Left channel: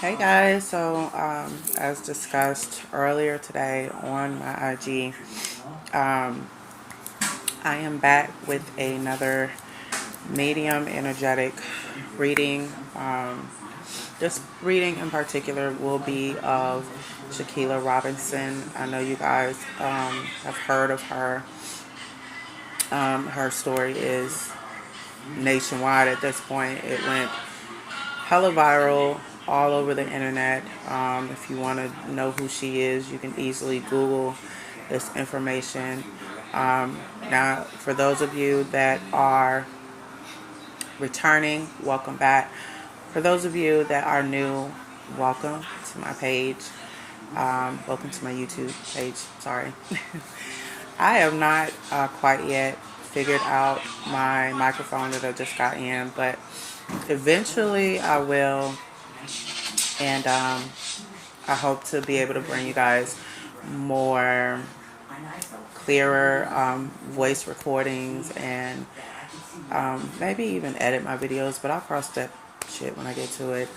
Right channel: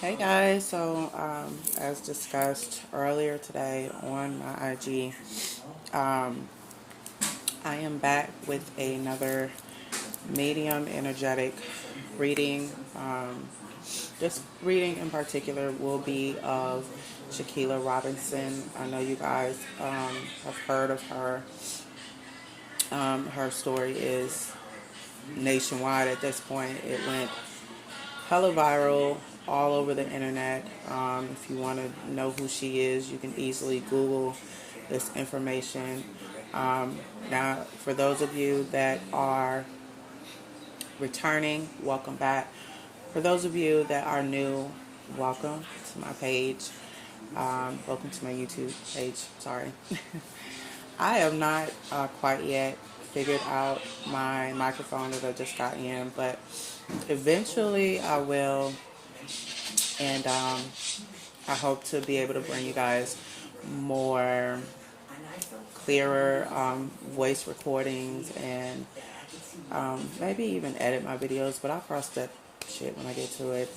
Hey guys, so as discussed earlier today on my IG, I am back with another medium energetic reading. This reading in particular will be of Shaquilla Robinson. I know you guys have heard of her. Her story is nationwide at this point. It went hella viral all over the internet. If you want to know who she is, you can easily Google this information. Now, for those of you that are returning, welcome back. For those of you that are new, welcome to my page. Welcome to my YouTube page. Sorry. I have not quite yet figured out my microphone that I just got in, but eventually I will. And I hope to be able to bring you guys more clearer voice recordings and maybe even edit my videos, but I'll cross that shit when I get to it.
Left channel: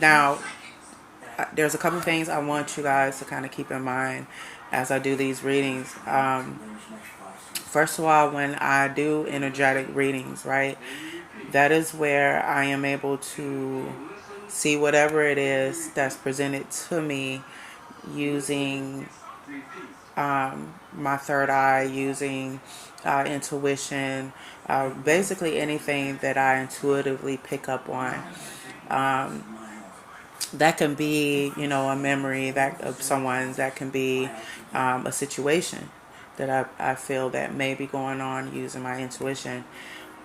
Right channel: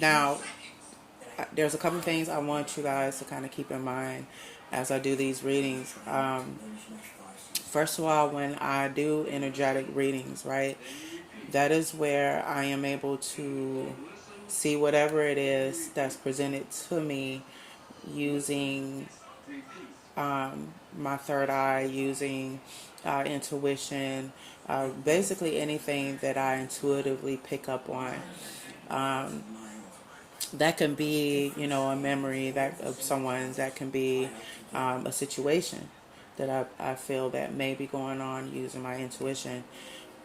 Now, there's a couple things I want you guys to kind of keep in mind as I do these readings. First of all, when I do energetic readings, right, that is where I am able to see whatever it is that's presented to me using my third eye, using intuition, basically anything that I intuitively pick up on. That can be, a memory that of someone's. That can be a situation that I feel that may be going on using my intuition.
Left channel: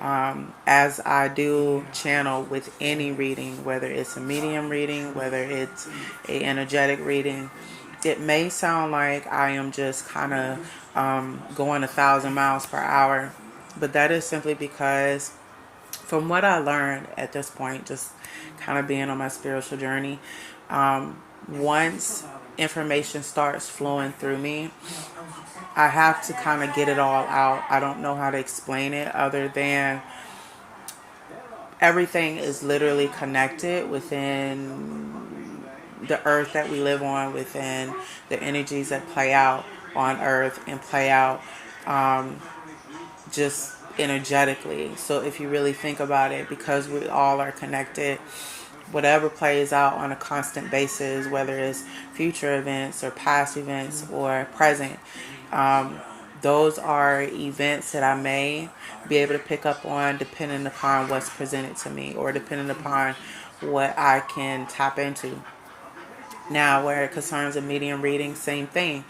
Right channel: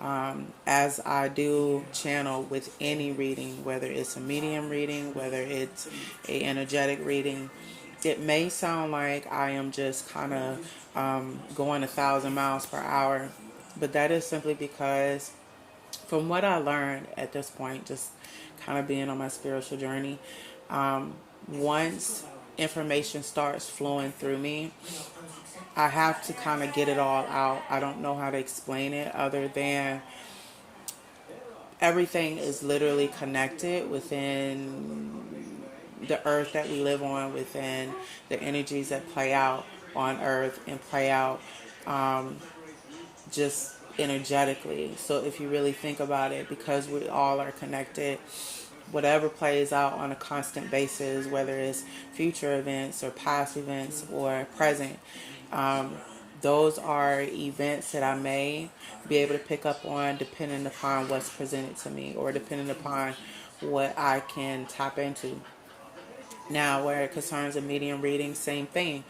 As I do channel with any reading, whether it's a medium reading, whether it's a energetic reading, it may sound like I am just kind of going 1,000 miles per hour, but that is simply because from what I learned at this point, just kind of being on my spiritual journey, once information starts flowing through me, I have to kind of get it all out. I don't know how to explain it other than everything is literally connected within the earth that we live on, within the energies that play out on earth and play out just energetically. So if you really think about it, because we all are connected, whatever plays out on a constant basis, whether it's future events or past events or present, those are events that I may be able to pick up on depending upon what's presented to me or depending upon what I can tap into. Now, where it concerns a medium reading, same thing.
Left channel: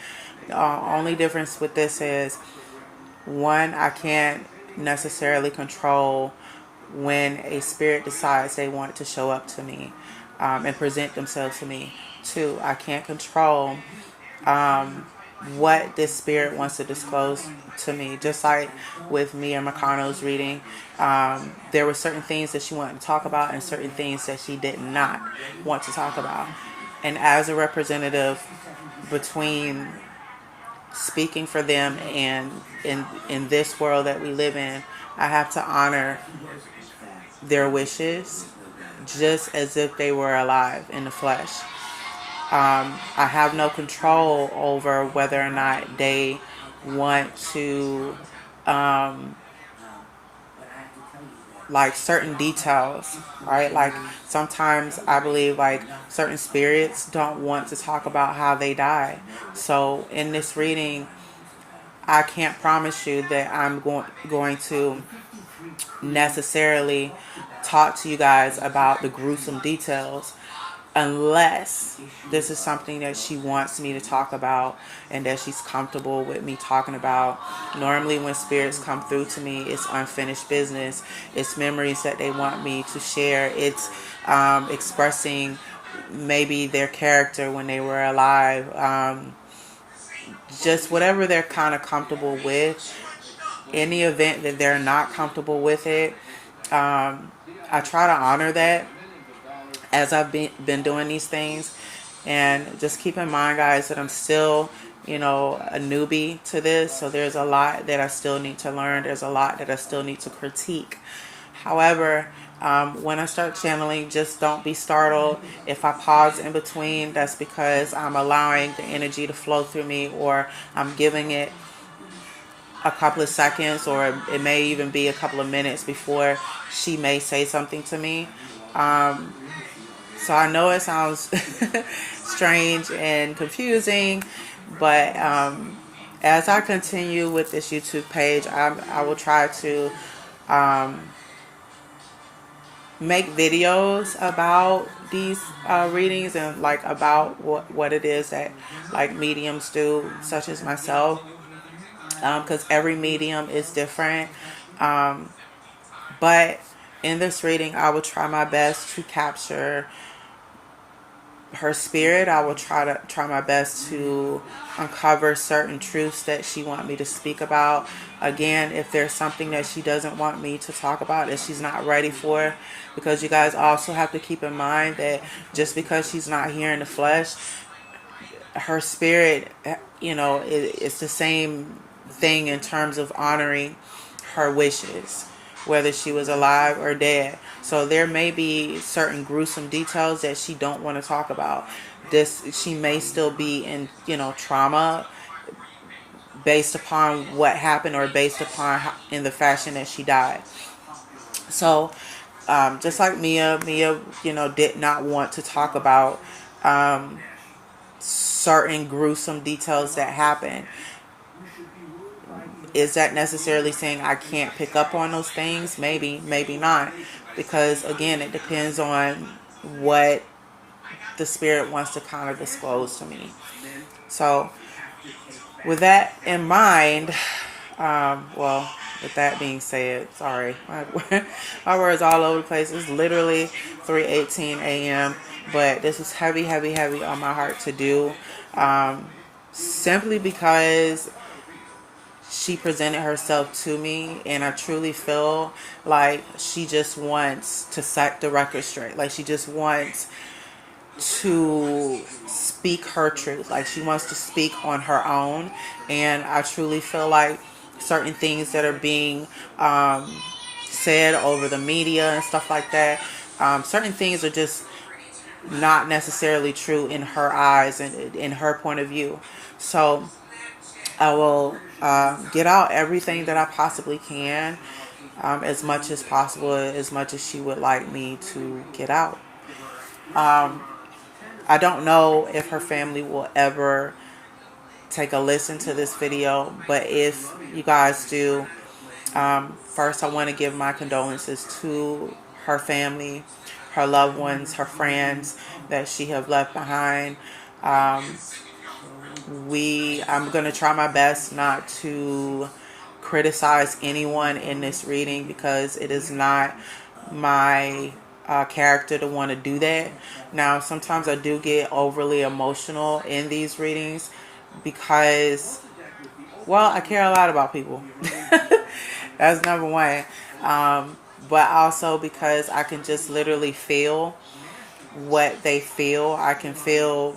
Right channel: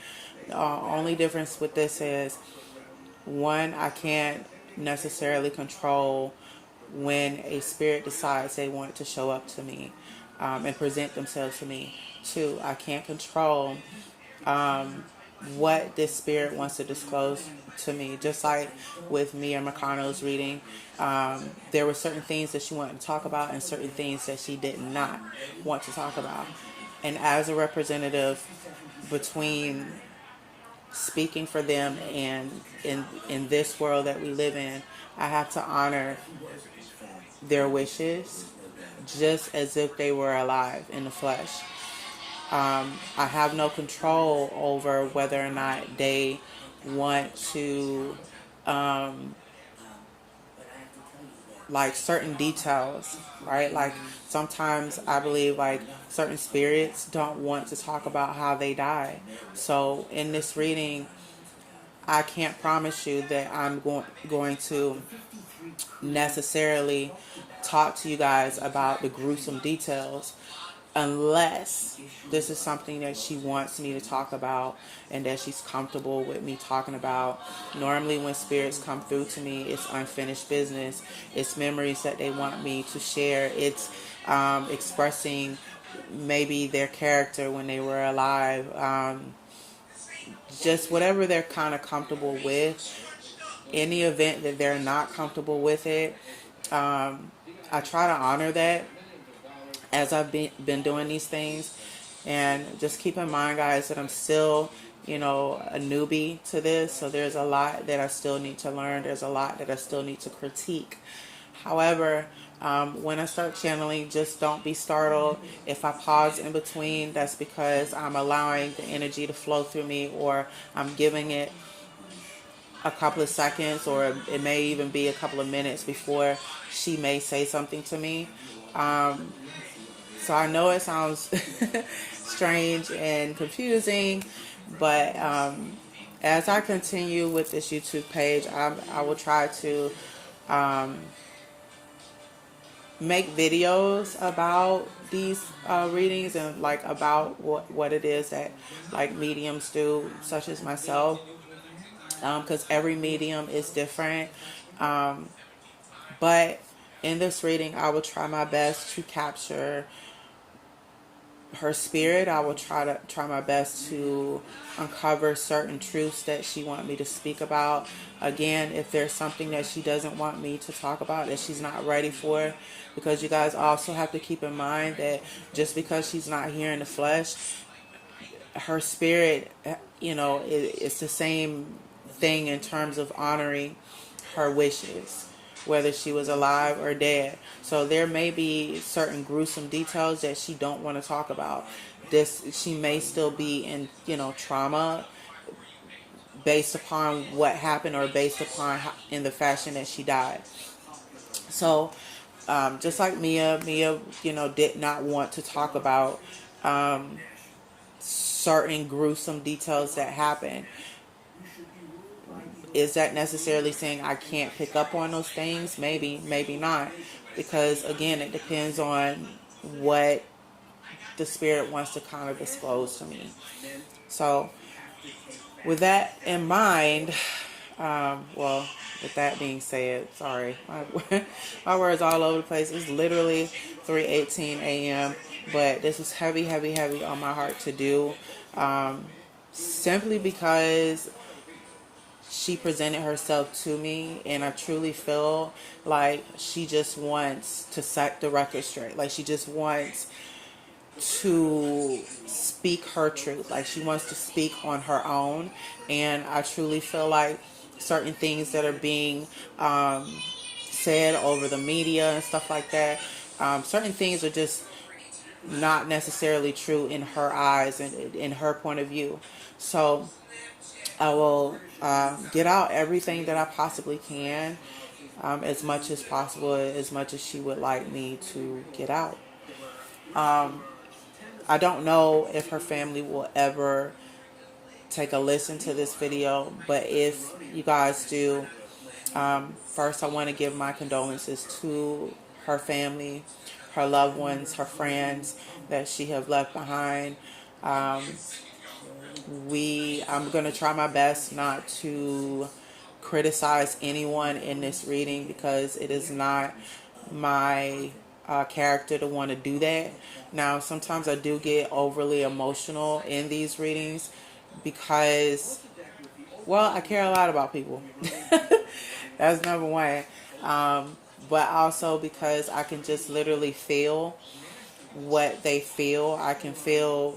The only difference with this is, one, I can't necessarily control when a spirit decides they want to show up to me and present themselves to me. Two, I can't control what this spirit wants to disclose to me. Just like with Mia Makano's reading, there were certain things that she wanted to talk about and certain things that she did not want to talk about. And as a representative between speaking for them and in this world that we live in, I have to honor their wishes just as if they were alive in the flesh. I have no control over whether or not they want to like certain details, right? Like sometimes I believe like certain spirits don't want to talk about how they died. So in this reading, I can't promise you that I'm going to necessarily talk to you guys about the gruesome details unless this is something that she wants me to talk about and that she's comfortable with me talking about. Normally when spirits come through to me, it's unfinished business. It's memories that they want me to share. It's expressing maybe their character when they were alive. Just whatever they're kind of comfortable with. In the event that they're not comfortable with it, I try to honor that as I've been doing these things. And just keep in mind, guys, that I'm still, a newbie to this. So there's a lot that I still need to learn. There's a lot that I still need to critique. However, when I start channeling, just don't be startled. If I pause in between, that's because I'm allowing the energy to flow through me, or I'm giving it a couple of seconds, or it may even be a couple of minutes before she may say something to me. So I know it sounds strange and confusing, but as I continue with this YouTube page, I will try to make videos about these readings, and like about what it is that like mediums do, such as myself, because every medium is different. But in this reading, I will try my best to capture her spirit. I will try my best to uncover certain truths that she wants me to speak about. Again, if there's something that she doesn't want me to talk about, that she's not ready for, because you guys also have to keep in mind that just because she's not here in the flesh, her spirit, it's the same thing in terms of honoring her wishes, whether she was alive or dead. So there may be certain gruesome details that she don't want to talk about. She may still be in, trauma based upon what happened, or based upon in the fashion that she died. So just like Mia, did not want to talk about certain gruesome details that happened. Is that necessarily saying I can't pick up on those things? Maybe, maybe not. Because again, it depends on what the spirit wants to kind of disclose to me. So with that in mind, with that being said, sorry, my words all over the place. It's literally 3:18 a.m. But this is heavy, heavy, heavy on my heart to do, simply because she presented herself to me, and I truly feel like she just wants to set the record straight. Like she just wants to speak her truth. Like she wants to speak on her own. And I truly feel like certain things that are being said over the media and stuff like that, certain things are just not necessarily true in her eyes and in her point of view. So I will get out everything that I possibly can, as much as possible, as much as she would like me to get out. I don't know if her family will ever take a listen to this video, but if you guys do, first I want to give my condolences to her family, her loved ones, her friends that she have left behind. I'm going to try my best not to criticize anyone in this reading, because it is not my character to want to do that. Now, sometimes I do get overly emotional in these readings because, well, I care a lot about people. That's number one. But also because I can just literally feel what they feel. I can feel,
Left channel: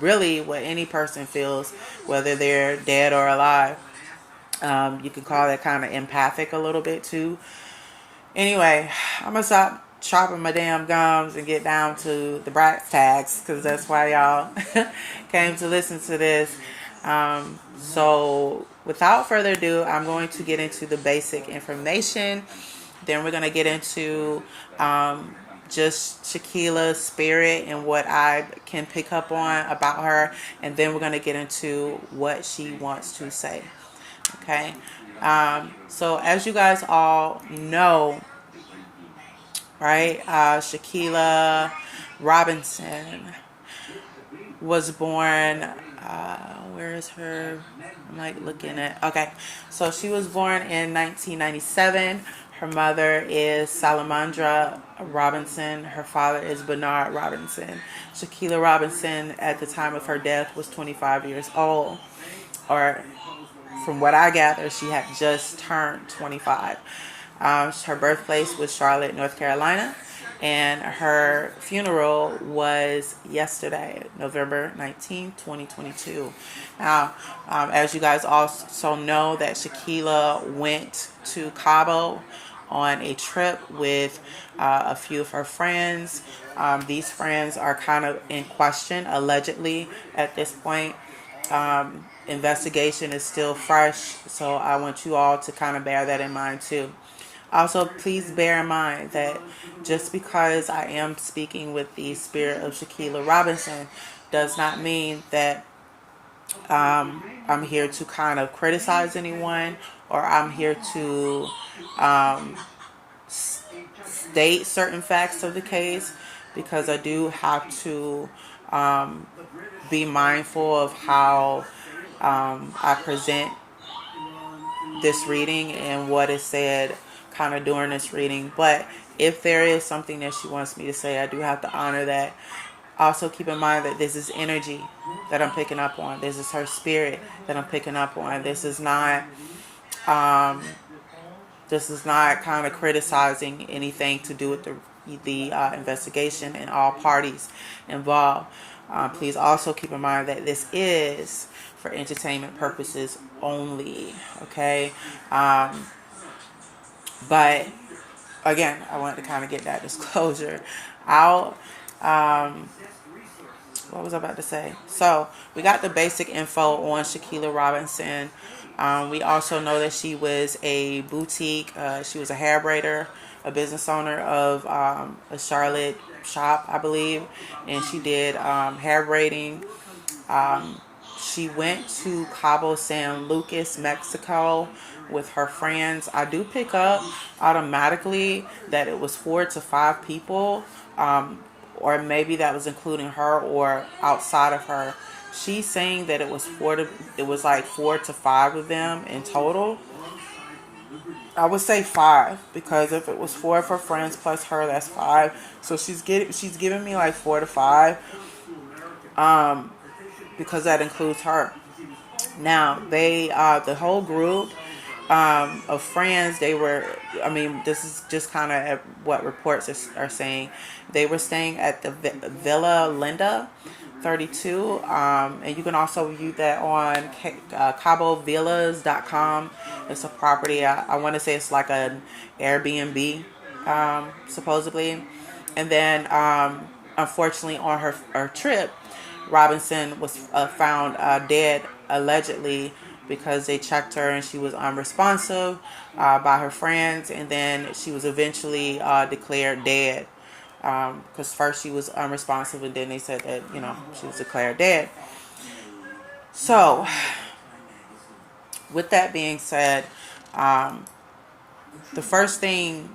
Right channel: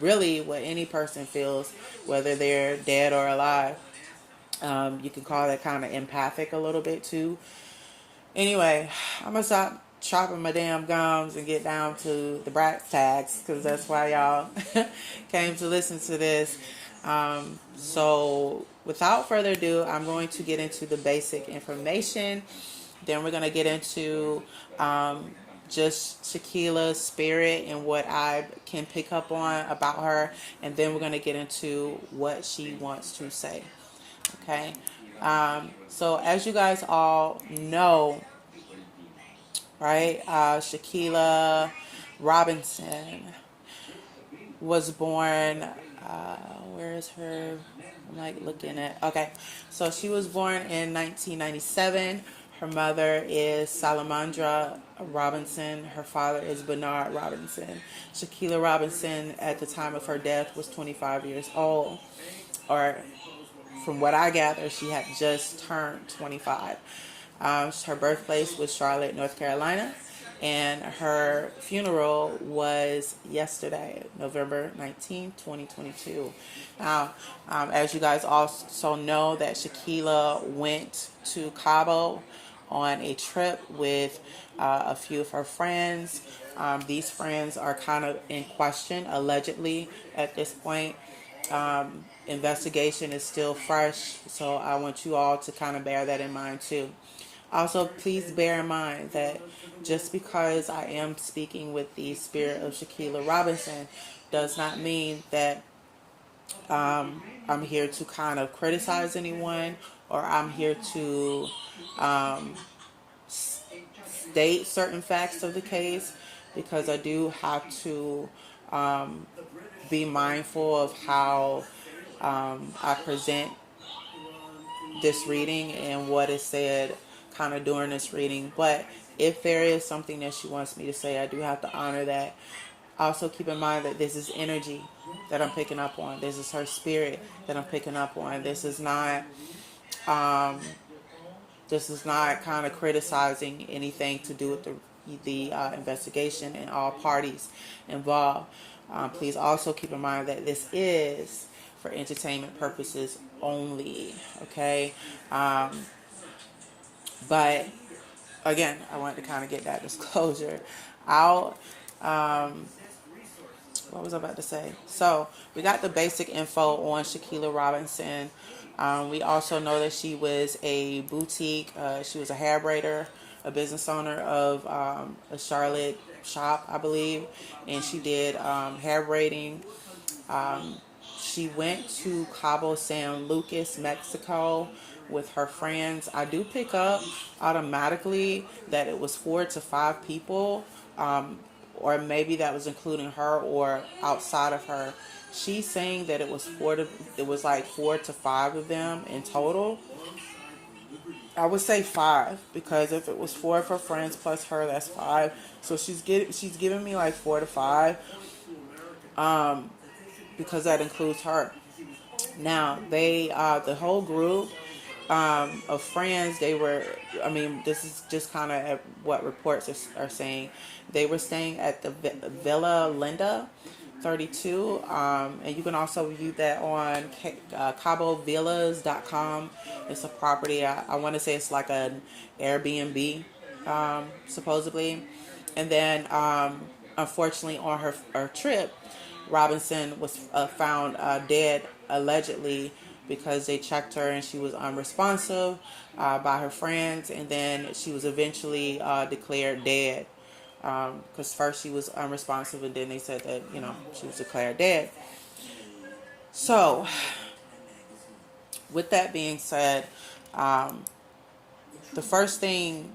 really what any person feels, whether they're dead or alive. You can call that kind of empathic a little bit too. Anyway, I'm going to stop chopping my damn gums and get down to the brass tags, because that's why y'all came to listen to this. So without further ado, I'm going to get into the basic information. Then we're going to get into just Shaquila's spirit and what I can pick up on about her. And then we're going to get into what she wants to say. Okay. So as you guys all know, right, Shaquilla Robinson was born, where is her, I'm like looking at, okay, so she was born in 1997. Her mother is Salamandra Robinson. Her father is Bernard Robinson. Shaquilla Robinson, at the time of her death, was 25 years old, or from what I gather, she had just turned 25. Her birthplace was Charlotte, North Carolina, and her funeral was yesterday, November 19, 2022. Now, as you guys also know, that Shaquilla went to Cabo on a trip with a few of her friends. These friends are kind of in question, allegedly, at this point. Investigation is still fresh, so I want you all to kind of bear that in mind too. Also, please bear in mind that just because I am speaking with the spirit of Shaquilla Robinson does not mean that I'm here to kind of criticize anyone, or I'm here to state certain facts of the case, because I do have to be mindful of how I present this reading and what is said kind of during this reading. But if there is something that she wants me to say, I do have to honor that. Also keep in mind that this is energy that I'm picking up on. This is her spirit that I'm picking up on. This is not kind of criticizing anything to do with the investigation and all parties involved. Please also keep in mind that this is for entertainment purposes only. Okay. But again, I wanted to kind of get that disclosure out. What was I about to say? So we got the basic info on Shaquilla Robinson. We also know that she was a boutique. She was a hair braider, a business owner of a Charlotte shop, I believe, and she did hair braiding. She went to Cabo San Lucas, Mexico with her friends. I do pick up automatically that it was 4 to 5 people, or maybe that was including her or outside of her. She's saying that it was like 4 to 5 of them in total. I would say 5, because if it was 4 of her friends plus her, that's 5. So she's giving me like 4 to 5, because that includes her. Now the whole group of friends, this is just kind of what reports are saying. They were staying at the Villa Linda 32, and you can also view that on CaboVillas.com. It's a property. I want to say it's like an Airbnb, supposedly. And then, unfortunately, on her trip, Robinson was found dead, allegedly, because they checked her and she was unresponsive by her friends, and then she was eventually declared dead, because first she was unresponsive and then they said that she was declared dead. So with that being said, the first thing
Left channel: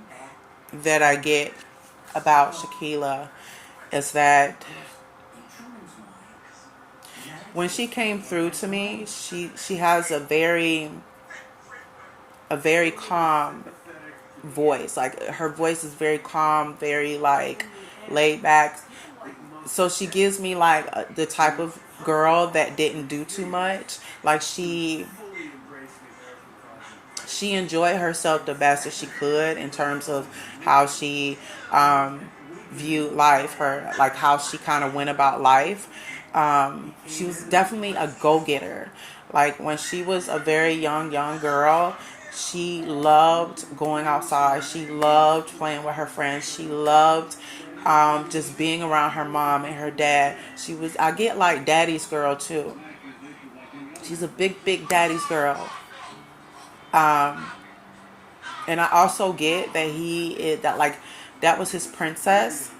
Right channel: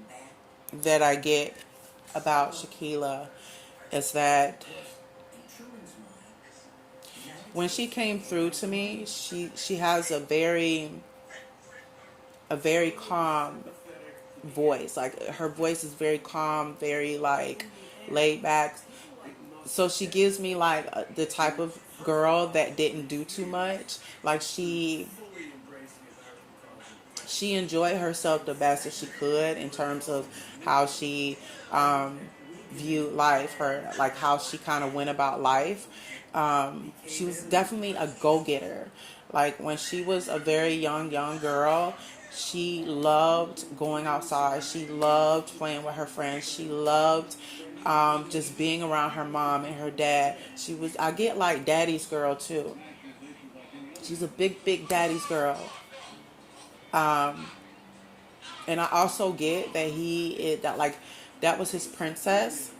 that I get about Shaquilla is that when she came through to me, she has a very calm voice. Like, her voice is very calm, very like laid back. So she gives me like the type of girl that didn't do too much. Like, she enjoyed herself the best that she could in terms of how she viewed life, how she kind of went about life. She was definitely a go-getter. Like, when she was a very young girl, she loved going outside. She loved playing with her friends. She loved just being around her mom and her dad. I get like daddy's girl too. She's a big daddy's girl. And I also get that that was his princess.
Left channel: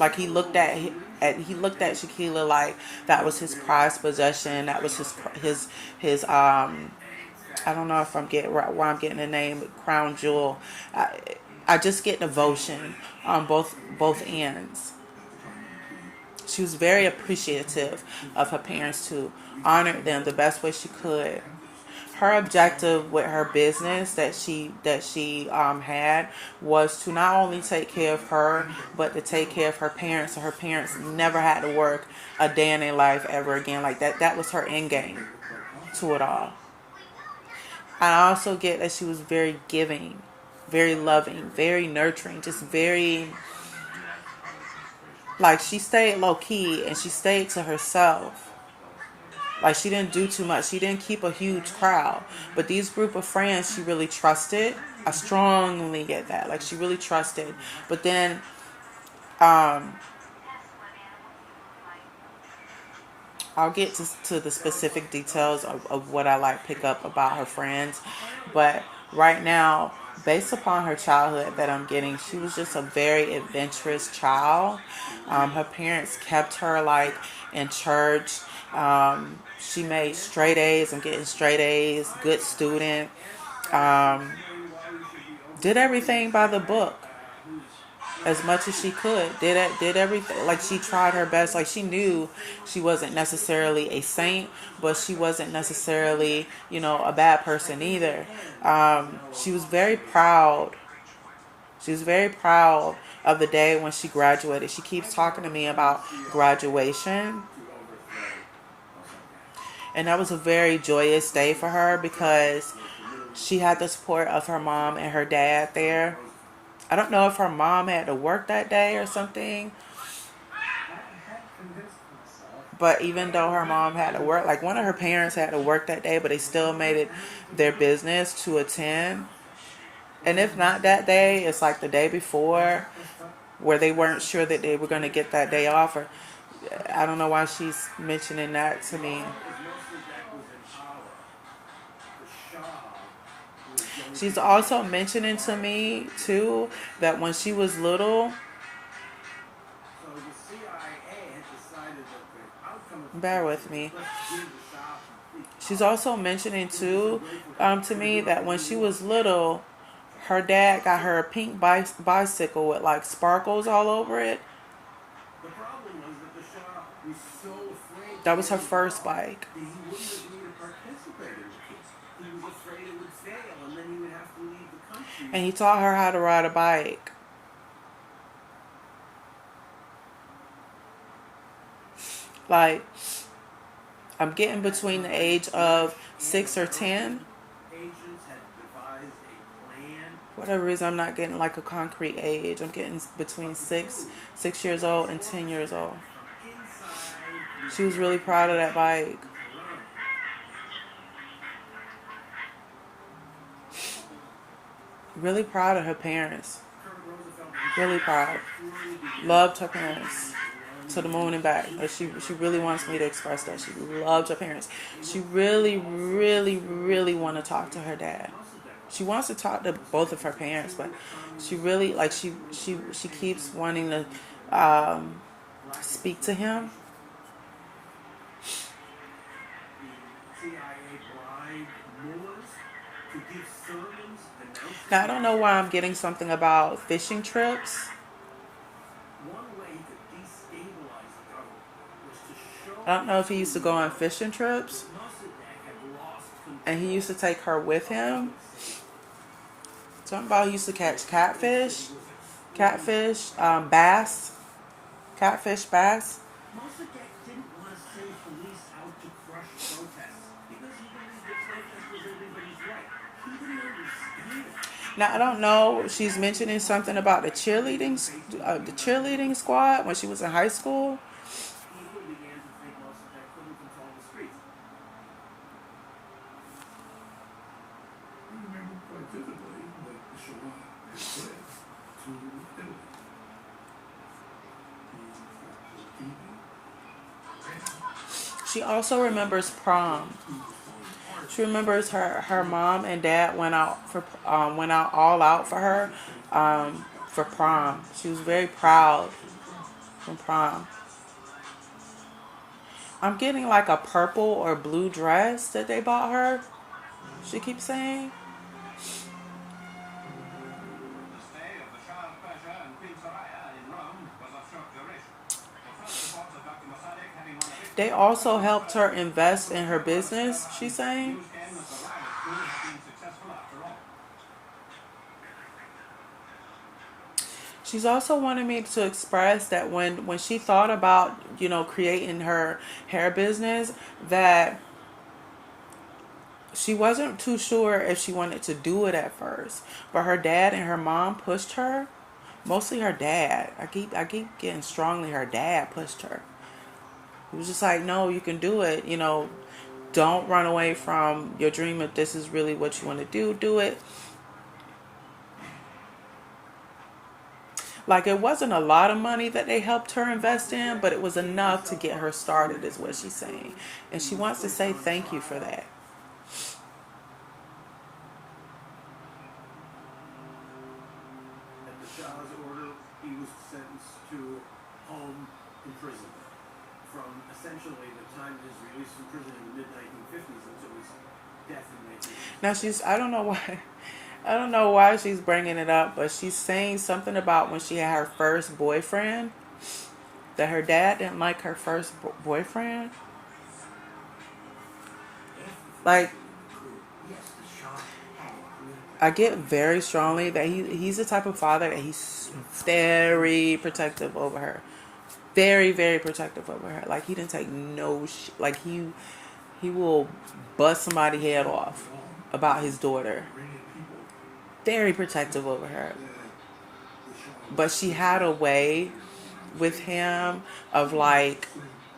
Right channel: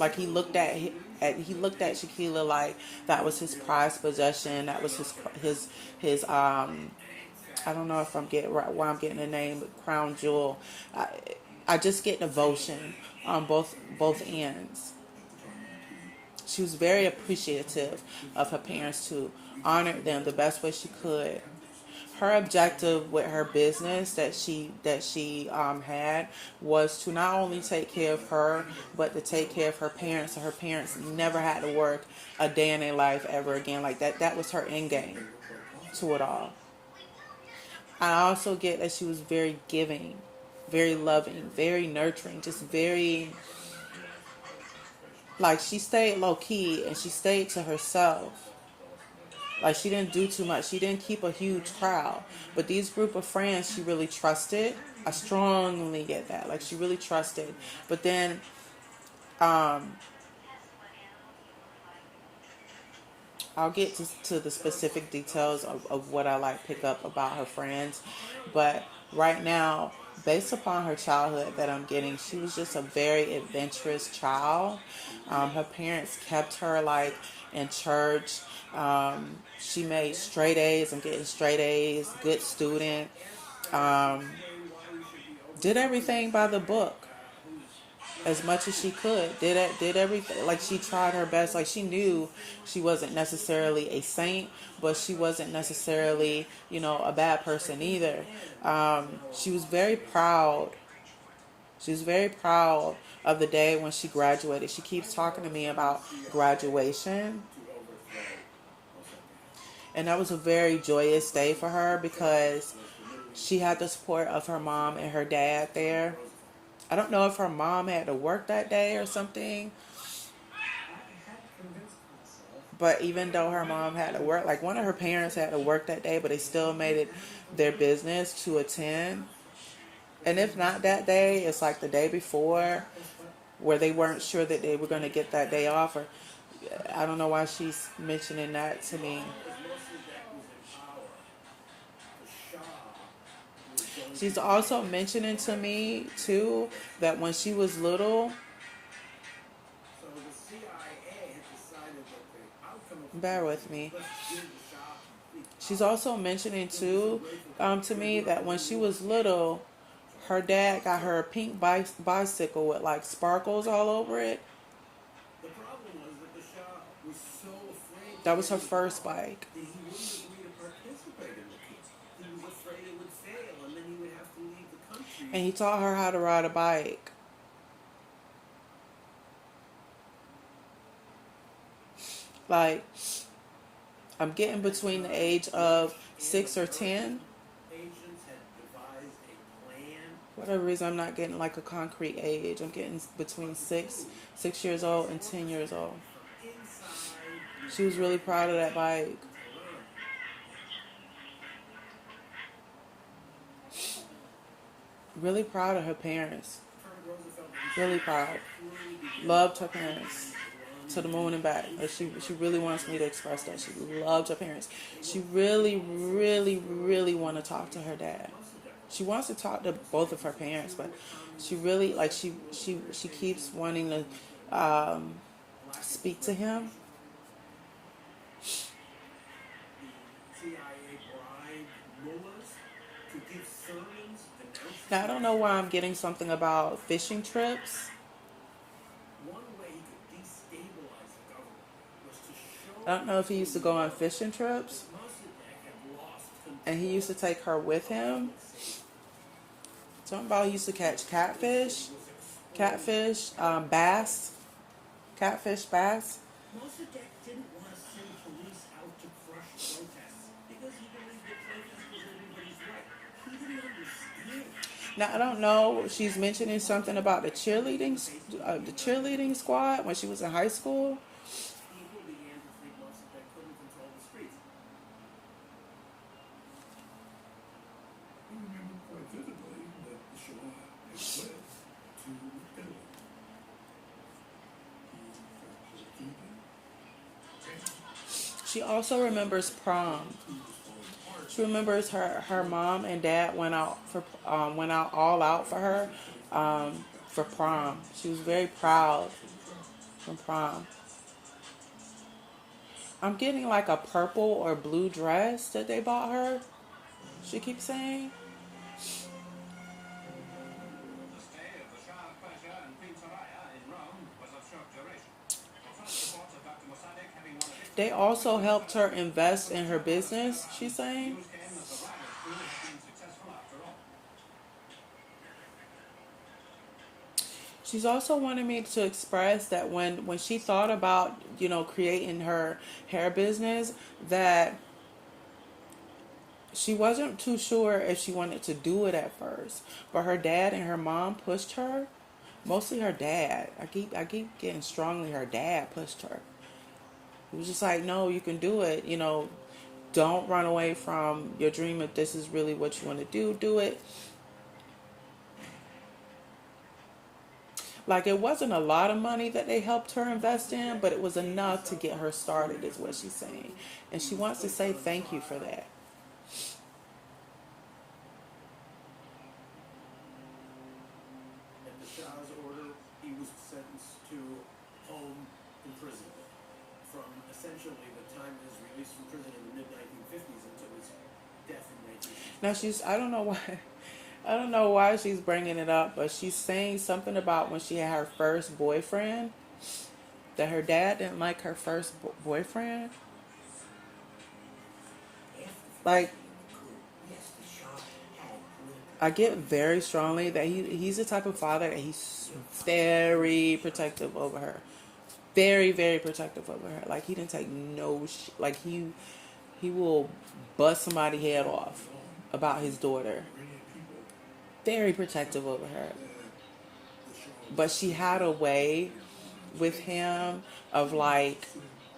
Like, he looked at Shaquilla like that was his prized possession. That was his I don't know if I'm getting right where I'm getting the name, crown jewel. I just get devotion on both ends. She was very appreciative of her parents, to honor them the best way she could. Her objective with her business that she had was to not only take care of her, but to take care of her parents, so her parents never had to work a day in their life ever again. Like, that was her end game to it all. I also get that she was very giving, very loving, very nurturing, just very, like, she stayed low key and she stayed to herself. Like, she didn't do too much. She didn't keep a huge crowd. But these group of friends she really trusted. I strongly get that. Like, she really trusted. But then um, I'll get to the specific details of what I like pick up about her friends. But right now, based upon her childhood that I'm getting, she was just a very adventurous child. Her parents kept her like in church. She made straight A's. I'm getting straight A's. Good student. Um, did everything by the book as much as she could. Did everything. Like, she tried her best. Like, she knew she wasn't necessarily a saint, but she wasn't necessarily, a bad person either. She was very proud. She was very proud of the day when she graduated. She keeps talking to me about graduation. And that was a very joyous day for her because she had the support of her mom and her dad there. I don't know if her mom had to work that day or something. But even though her mom had to work, like one of her parents had to work that day, but they still made it their business to attend. And if not that day, it's like the day before where they weren't sure that they were going to get that day off. Or I don't know why she's mentioning that to me. She's also mentioning to me, too, that when she was little, bear with me. She's also mentioning, too, to me that when she was little, her dad got her a pink bicycle with, like, sparkles all over it. That was her first bike. And he taught her how to ride a bike. Like, I'm getting between the age of 6 or 10. For whatever reason, I'm not getting like a concrete age. I'm getting between 6 years old and 10 years old. She was really proud of that bike. Really proud of her parents. Really proud. Loved her parents to the moon and back. Like, she really wants me to express that. She loved her parents. She really, really, really want to talk to her dad. She wants to talk to both of her parents, but she really, like, she keeps wanting to speak to him. Now, I don't know why I'm getting something about fishing trips. I don't know if he used to go on fishing trips. And he used to take her with him. Something about he used to catch catfish, bass, catfish, bass. Now, I don't know. She's mentioning something about the cheerleading squad when she was in high school. She also remembers prom. She remembers her mom and dad went out all out for her for prom. She was very proud from prom. I'm getting like a purple or blue dress that they bought her. She keeps saying. They also helped her invest in her business, she's saying. She's also wanted me to express that when she thought about, creating her hair business, that she wasn't too sure if she wanted to do it at first. But her dad and her mom pushed her. Mostly her dad. I keep getting strongly her dad pushed her. He was just like, no, you can do it. Don't run away from your dream. If this is really what you want to do it. Like, it wasn't a lot of money that they helped her invest in, but it was enough to get her started, is what she's saying. And she wants to say thank you for that. At the Shah's order, he was sentenced to home imprisonment from essentially the time of his release from prison in the mid-1950s until his death in 1980. Now I don't know why she's bringing it up, but she's saying something about when she had her first boyfriend, that her dad didn't like her first boyfriend. Like, I get very strongly that he's the type of father that he's very protective over her. Very, very protective over her. Like, he didn't take no shit. Like, he will bust somebody's head off about his daughter. Very protective over her. But she had a way with him of, like,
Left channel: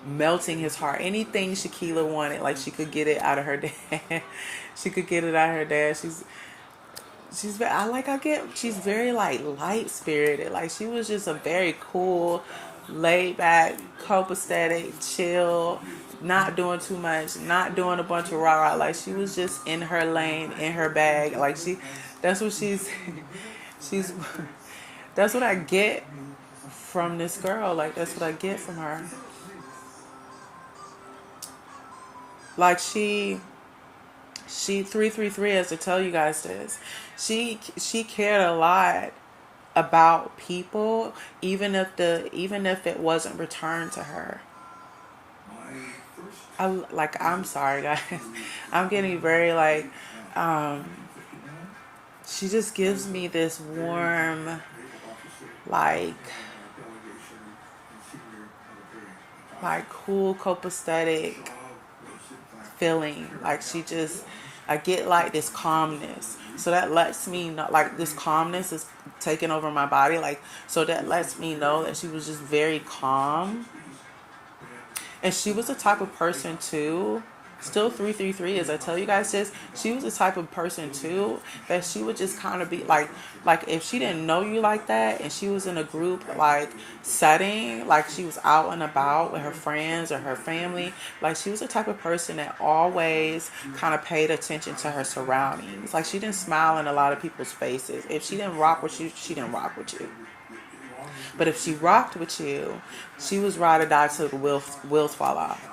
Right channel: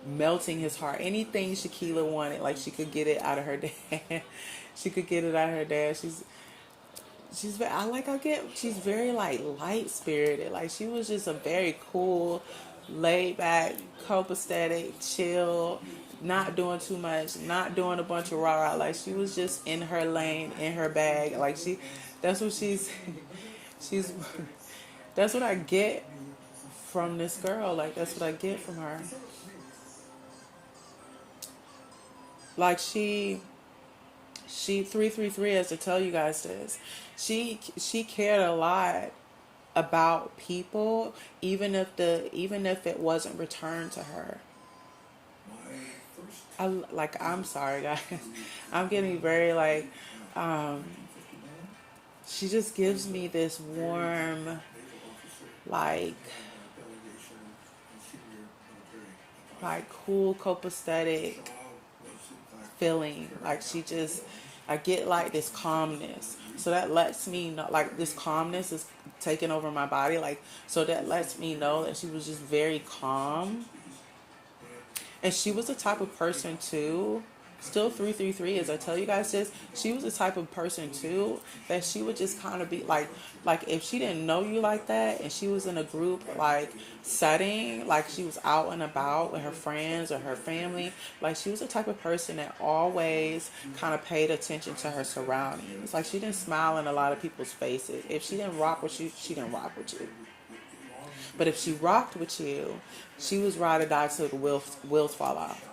melting his heart. Anything Shanquilla wanted, like, she could get it out of her dad. She could get it out of her dad. She's she's very, like, light spirited. Like, she was just a very cool, laid back, copacetic, chill, not doing too much, not doing a bunch of rah-rah. Like, she was just in her lane, in her bag. Like, that's what she's that's what I get from this girl. Like, that's what I get from her. Like, she 333, as to tell you guys this, she cared a lot about people, even if it wasn't returned to her. I'm sorry, guys. I'm getting very, like, she just gives me this warm, like cool, copacetic feeling. Like, I get, like, this calmness. So that lets me know, like, this calmness is taking over my body. Like, so that lets me know that she was just very calm. And she was the type of person too, still 333, as I tell you guys this, she was the type of person too that she would just kind of be like if she didn't know you like that and she was in a group, like, setting, like she was out and about with her friends or her family, like, she was the type of person that always kind of paid attention to her surroundings. Like, she didn't smile in a lot of people's faces. If she didn't rock with you, she didn't rock with you. But if she rocked with you, she was ride or die till the wheels fall off.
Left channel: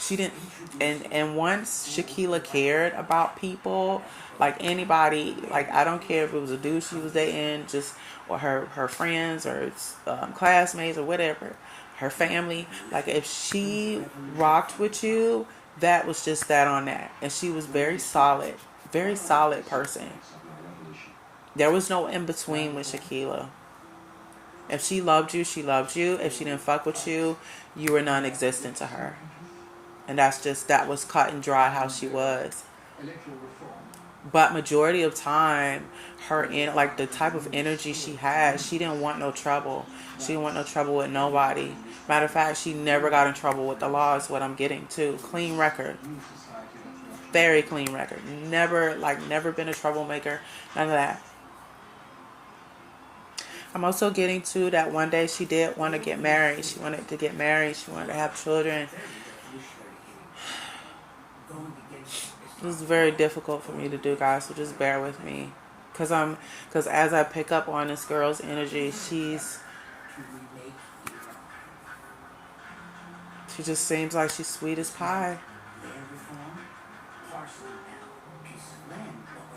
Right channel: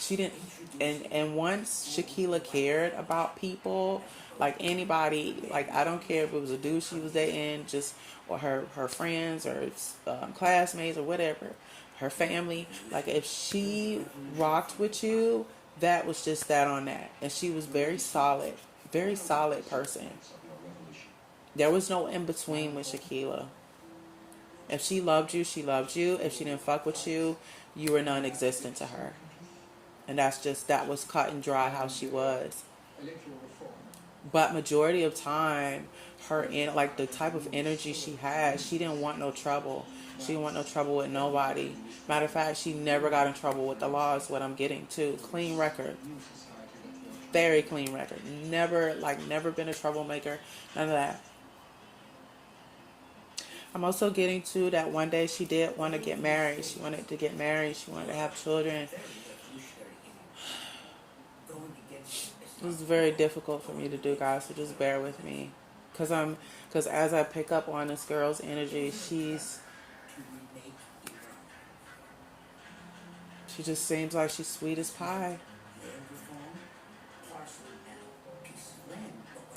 She didn't, and once Shanquilla cared about people, like anybody, like, I don't care if it was a dude she was dating, just, or her friends or classmates or whatever, her family, like, if she rocked with you, that was just that on that. And she was very solid person. There was no in between with Shanquilla. If she loved you, she loved you. If she didn't fuck with you, you were non-existent to her. And that was cut and dry how she was. But majority of time, like, the type of energy she had, she didn't want no trouble. She didn't want no trouble with nobody. Matter of fact, she never got in trouble with the law, is what I'm getting to. Clean record. Very clean record. Never been a troublemaker. None of that. I'm also getting to that one day she did want to get married. She wanted to get married. She wanted to have children. It was very difficult for me to do, guys, so just bear with me. Because as I pick up on this girl's energy, she just seems like she's sweet as pie.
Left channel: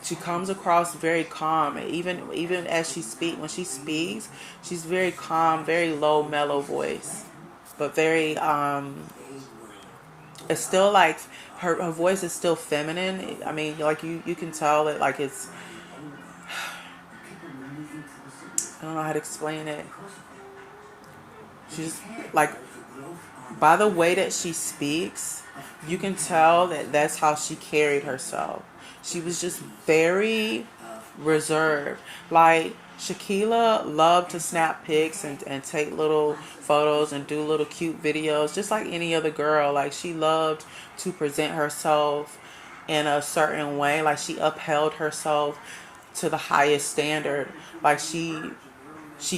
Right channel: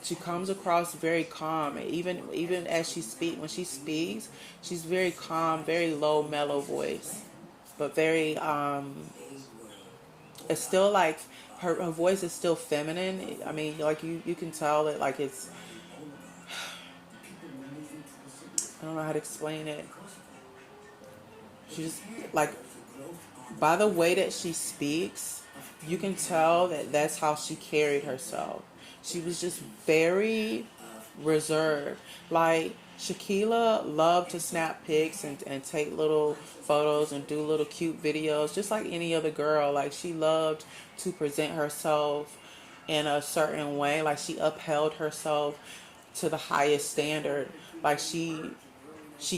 She comes across very calm, even as when she speaks, she's very calm, very low, mellow voice, but very it's still like her voice is still feminine. I mean, like, you can tell that, like, it's, I don't know how to explain it. She's like, by the way that she speaks, you can tell that that's how she carried herself. She was just very reserved. Like Shaquilla loved to snap pics and take little photos and do little cute videos, just like any other girl. Like she loved to present herself in a certain way. Like she upheld herself to the highest standard. Like she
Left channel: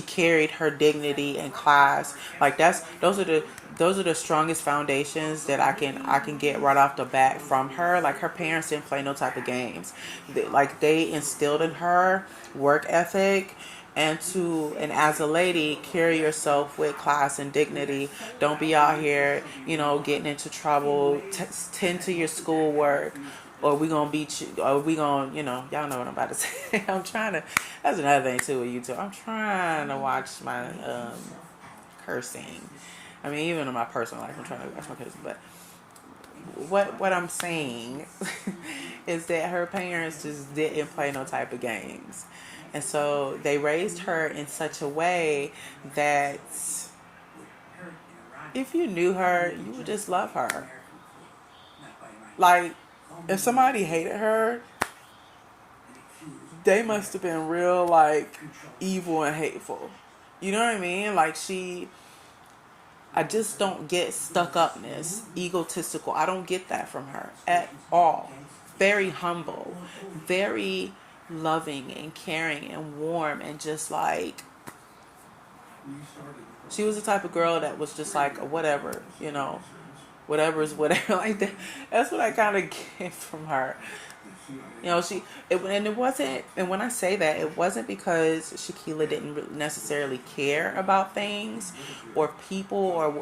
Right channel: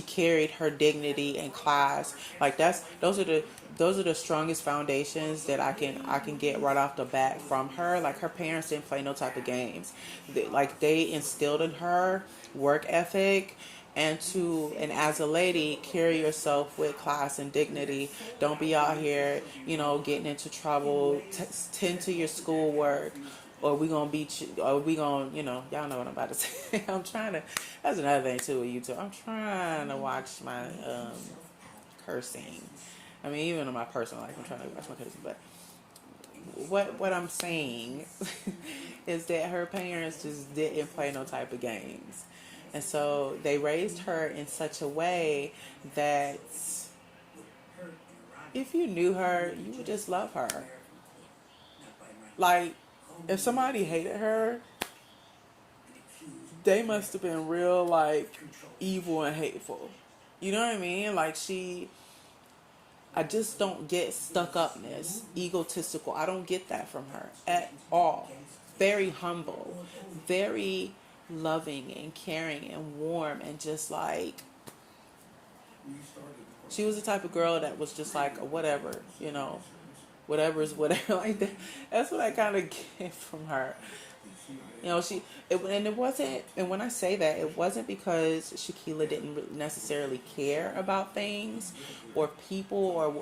carried her dignity in class. Like those are the strongest foundations that I can get right off the bat from her. Like her parents didn't play no type of games. Like they instilled in her work ethic and as a lady, carry yourself with class and dignity. Don't be out here, getting into trouble. Tend to your schoolwork, or we gonna beat you, or we gonna, y'all know what I'm about to say. I'm trying to. That's another thing too with YouTube. I'm trying to watch my cursing. I mean, even in my personal life, I'm trying to watch my cursing. But what I'm saying is that her parents just didn't play no type of games, and so they raised her in such a way that if you knew her, you would just love her. Like if somebody hated her, they must have been real like evil and hateful. You know what I mean? Like I just don't get stuck upness, egotistical. I don't get that from her at all. Very humble, very loving and caring and warm, and just like she was the type of girl that was just like whatever, whatever is whatever. Like that. That's what I kind of get from her. And it wasn't, and when I say that, it wasn't because Shaquilla didn't necessarily care about things or people or,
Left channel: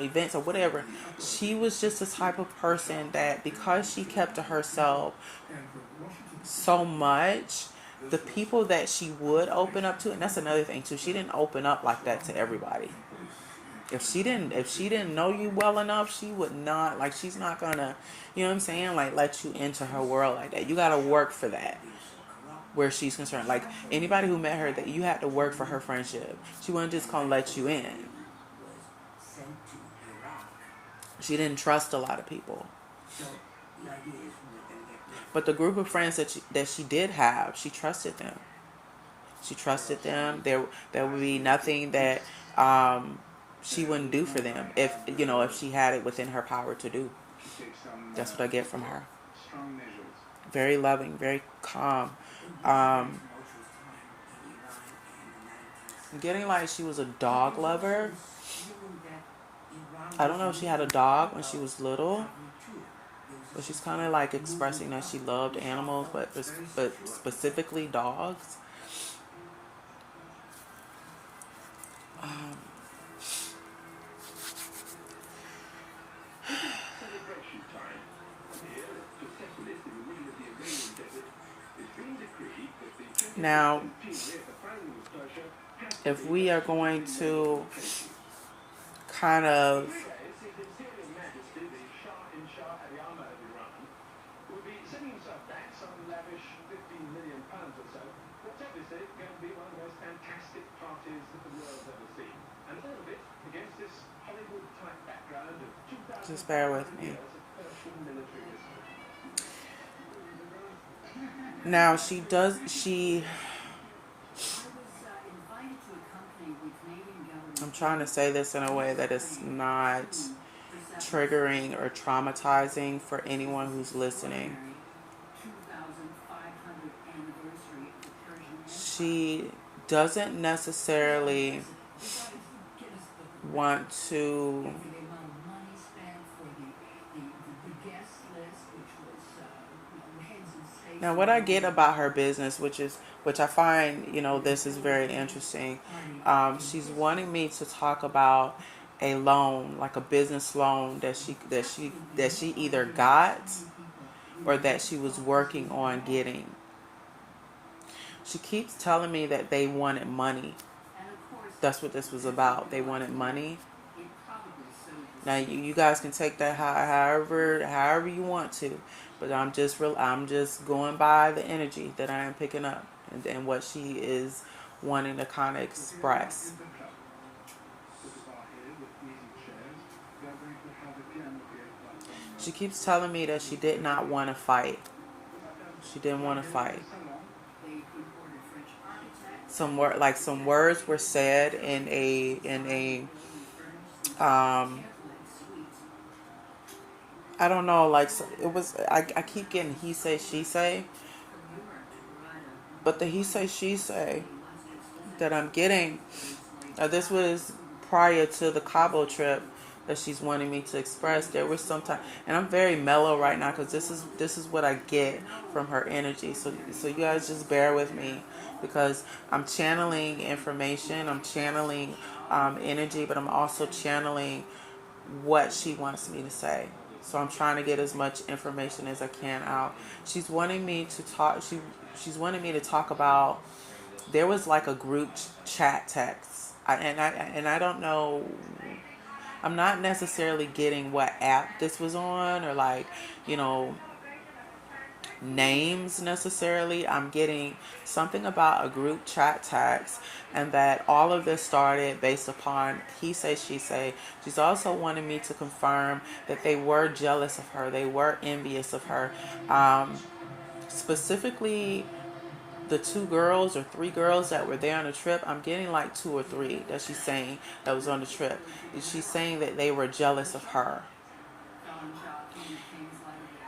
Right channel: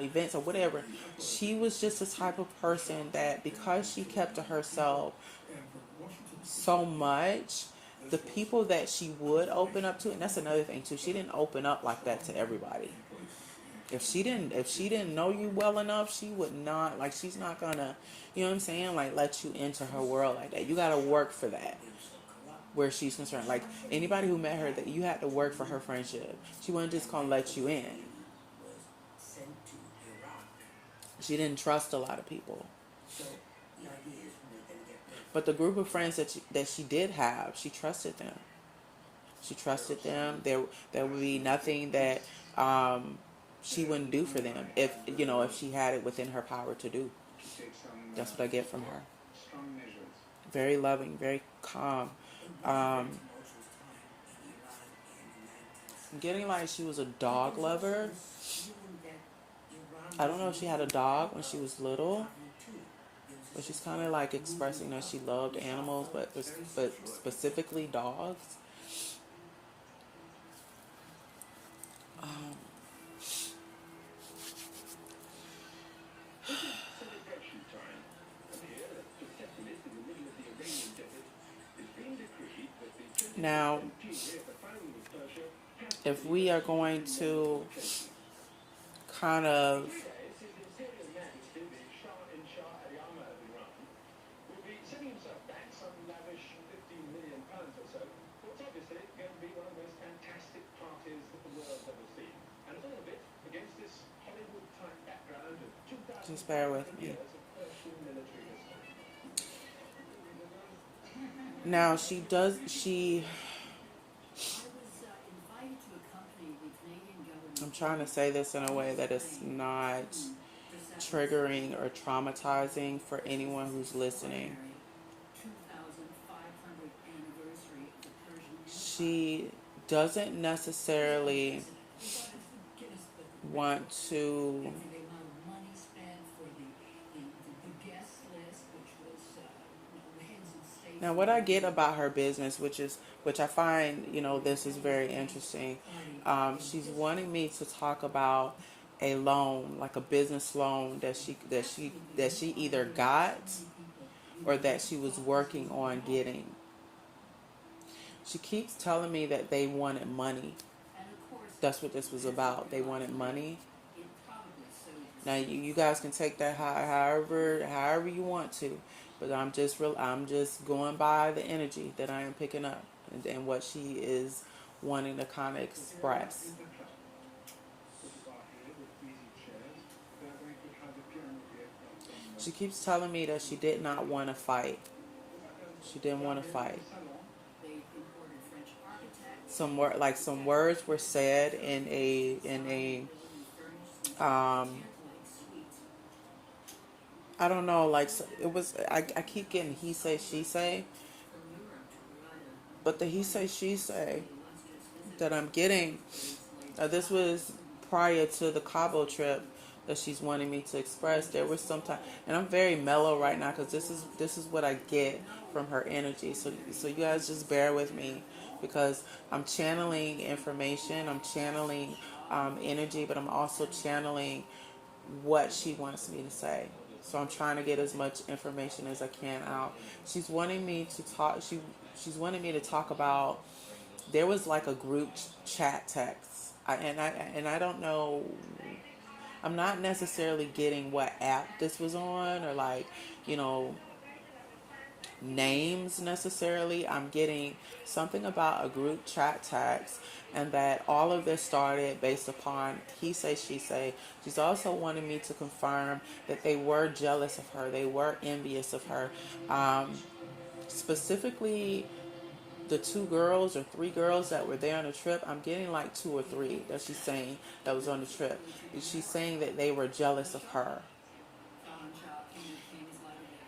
events or whatever. She was just the type of person that because she kept to herself so much, the people that she would open up to, and that's another thing too, she didn't open up like that to everybody. If she didn't know you well enough, she would not, like, she's not gonna, you know what I'm saying, like, let you into her world like that. You gotta work for that where she's concerned. Like anybody who met her, that you had to work for her friendship. She wasn't just gonna let you in. She didn't trust a lot of people. But the group of friends that she did have, she trusted them. She trusted them. There would be nothing that she wouldn't do for them if she had it within her power to do. That's what I get from her. Very loving, very calm. I'm getting like she was a dog lover. I don't know if she had a dog when she was little, but she's kind of like expressing that she loved animals, but specifically dogs. Now, if we are going to kind of just bear with me. Now I'm trying to say this in a way that is not triggering or traumatizing for anyone who's listening. She doesn't necessarily want to. Now, what I get about her business, which I find, this is very interesting. She's wanting me to talk about a loan, like a business loan that she either got or that she was working on getting. She keeps telling me that they wanted money. That's what this was about. They wanted money. Now you guys can take that however you want to, but I'm just going by the energy that I am picking up and what she is wanting to kind of express. She keeps telling me that she did not want to fight. She didn't want to fight. some words were said um I don't know, like it was. I keep getting he say she say, but the he say she say that I'm getting. This was prior to the Cabo trip that she's wanting me to express. There was some time, and I'm very mellow right now because this is what I get from her energy. So you guys just bear with me because I'm channeling information. I'm channeling energy, but I'm also channeling what she wants me to say. So I'm trying to get as much information as I can out. She's wanting me to talk. She's wanting me to talk about. There was like a group chat text, and I don't know. I'm not necessarily getting what app this was on or like you know names necessarily. I'm getting something about a group chat text, and that all of this started based upon he say she say. She's also wanting me to confirm that they were jealous of her, they were envious of her, specifically the two girls or three girls that were there on the trip. I'm getting like two or three that she's saying that was on the trip. She's saying that they were jealous of her.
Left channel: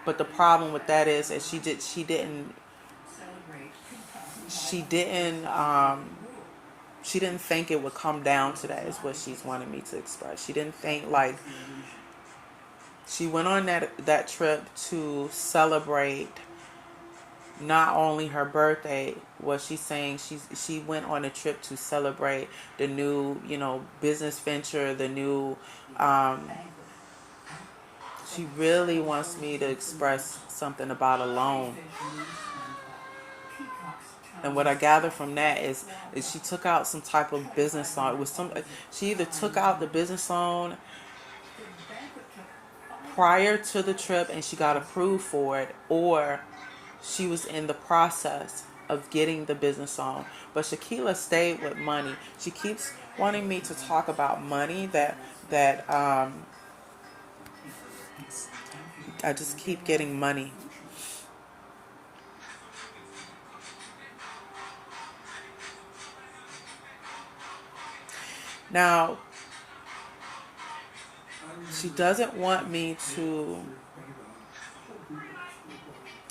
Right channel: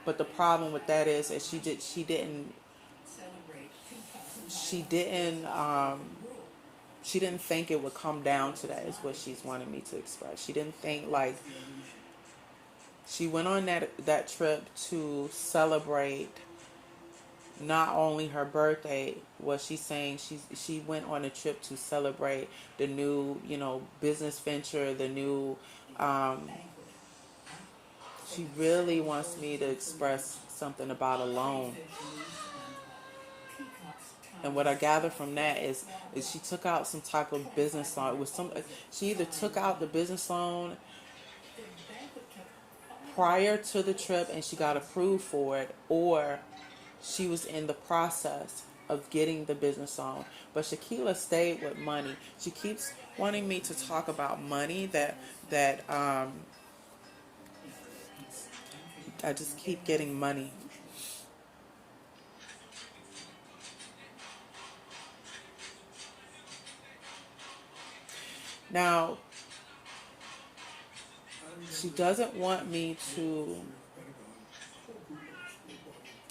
But the problem with that is that she didn't think it would come down to that is what she's wanted me to express. She didn't think like she went on that trip to celebrate not only her birthday. Was she saying she went on a trip to celebrate the new business venture, the new she really wants me to express something about a loan. And what I gather from that is she took out some type of business loan. It was she either took out the business loan prior to the trip and she got approved for it, or she was in the process of getting the business loan. But Shaquilla stayed with money. She keeps wanting me to talk about money. That I just keep getting money. Now, she doesn't want me to,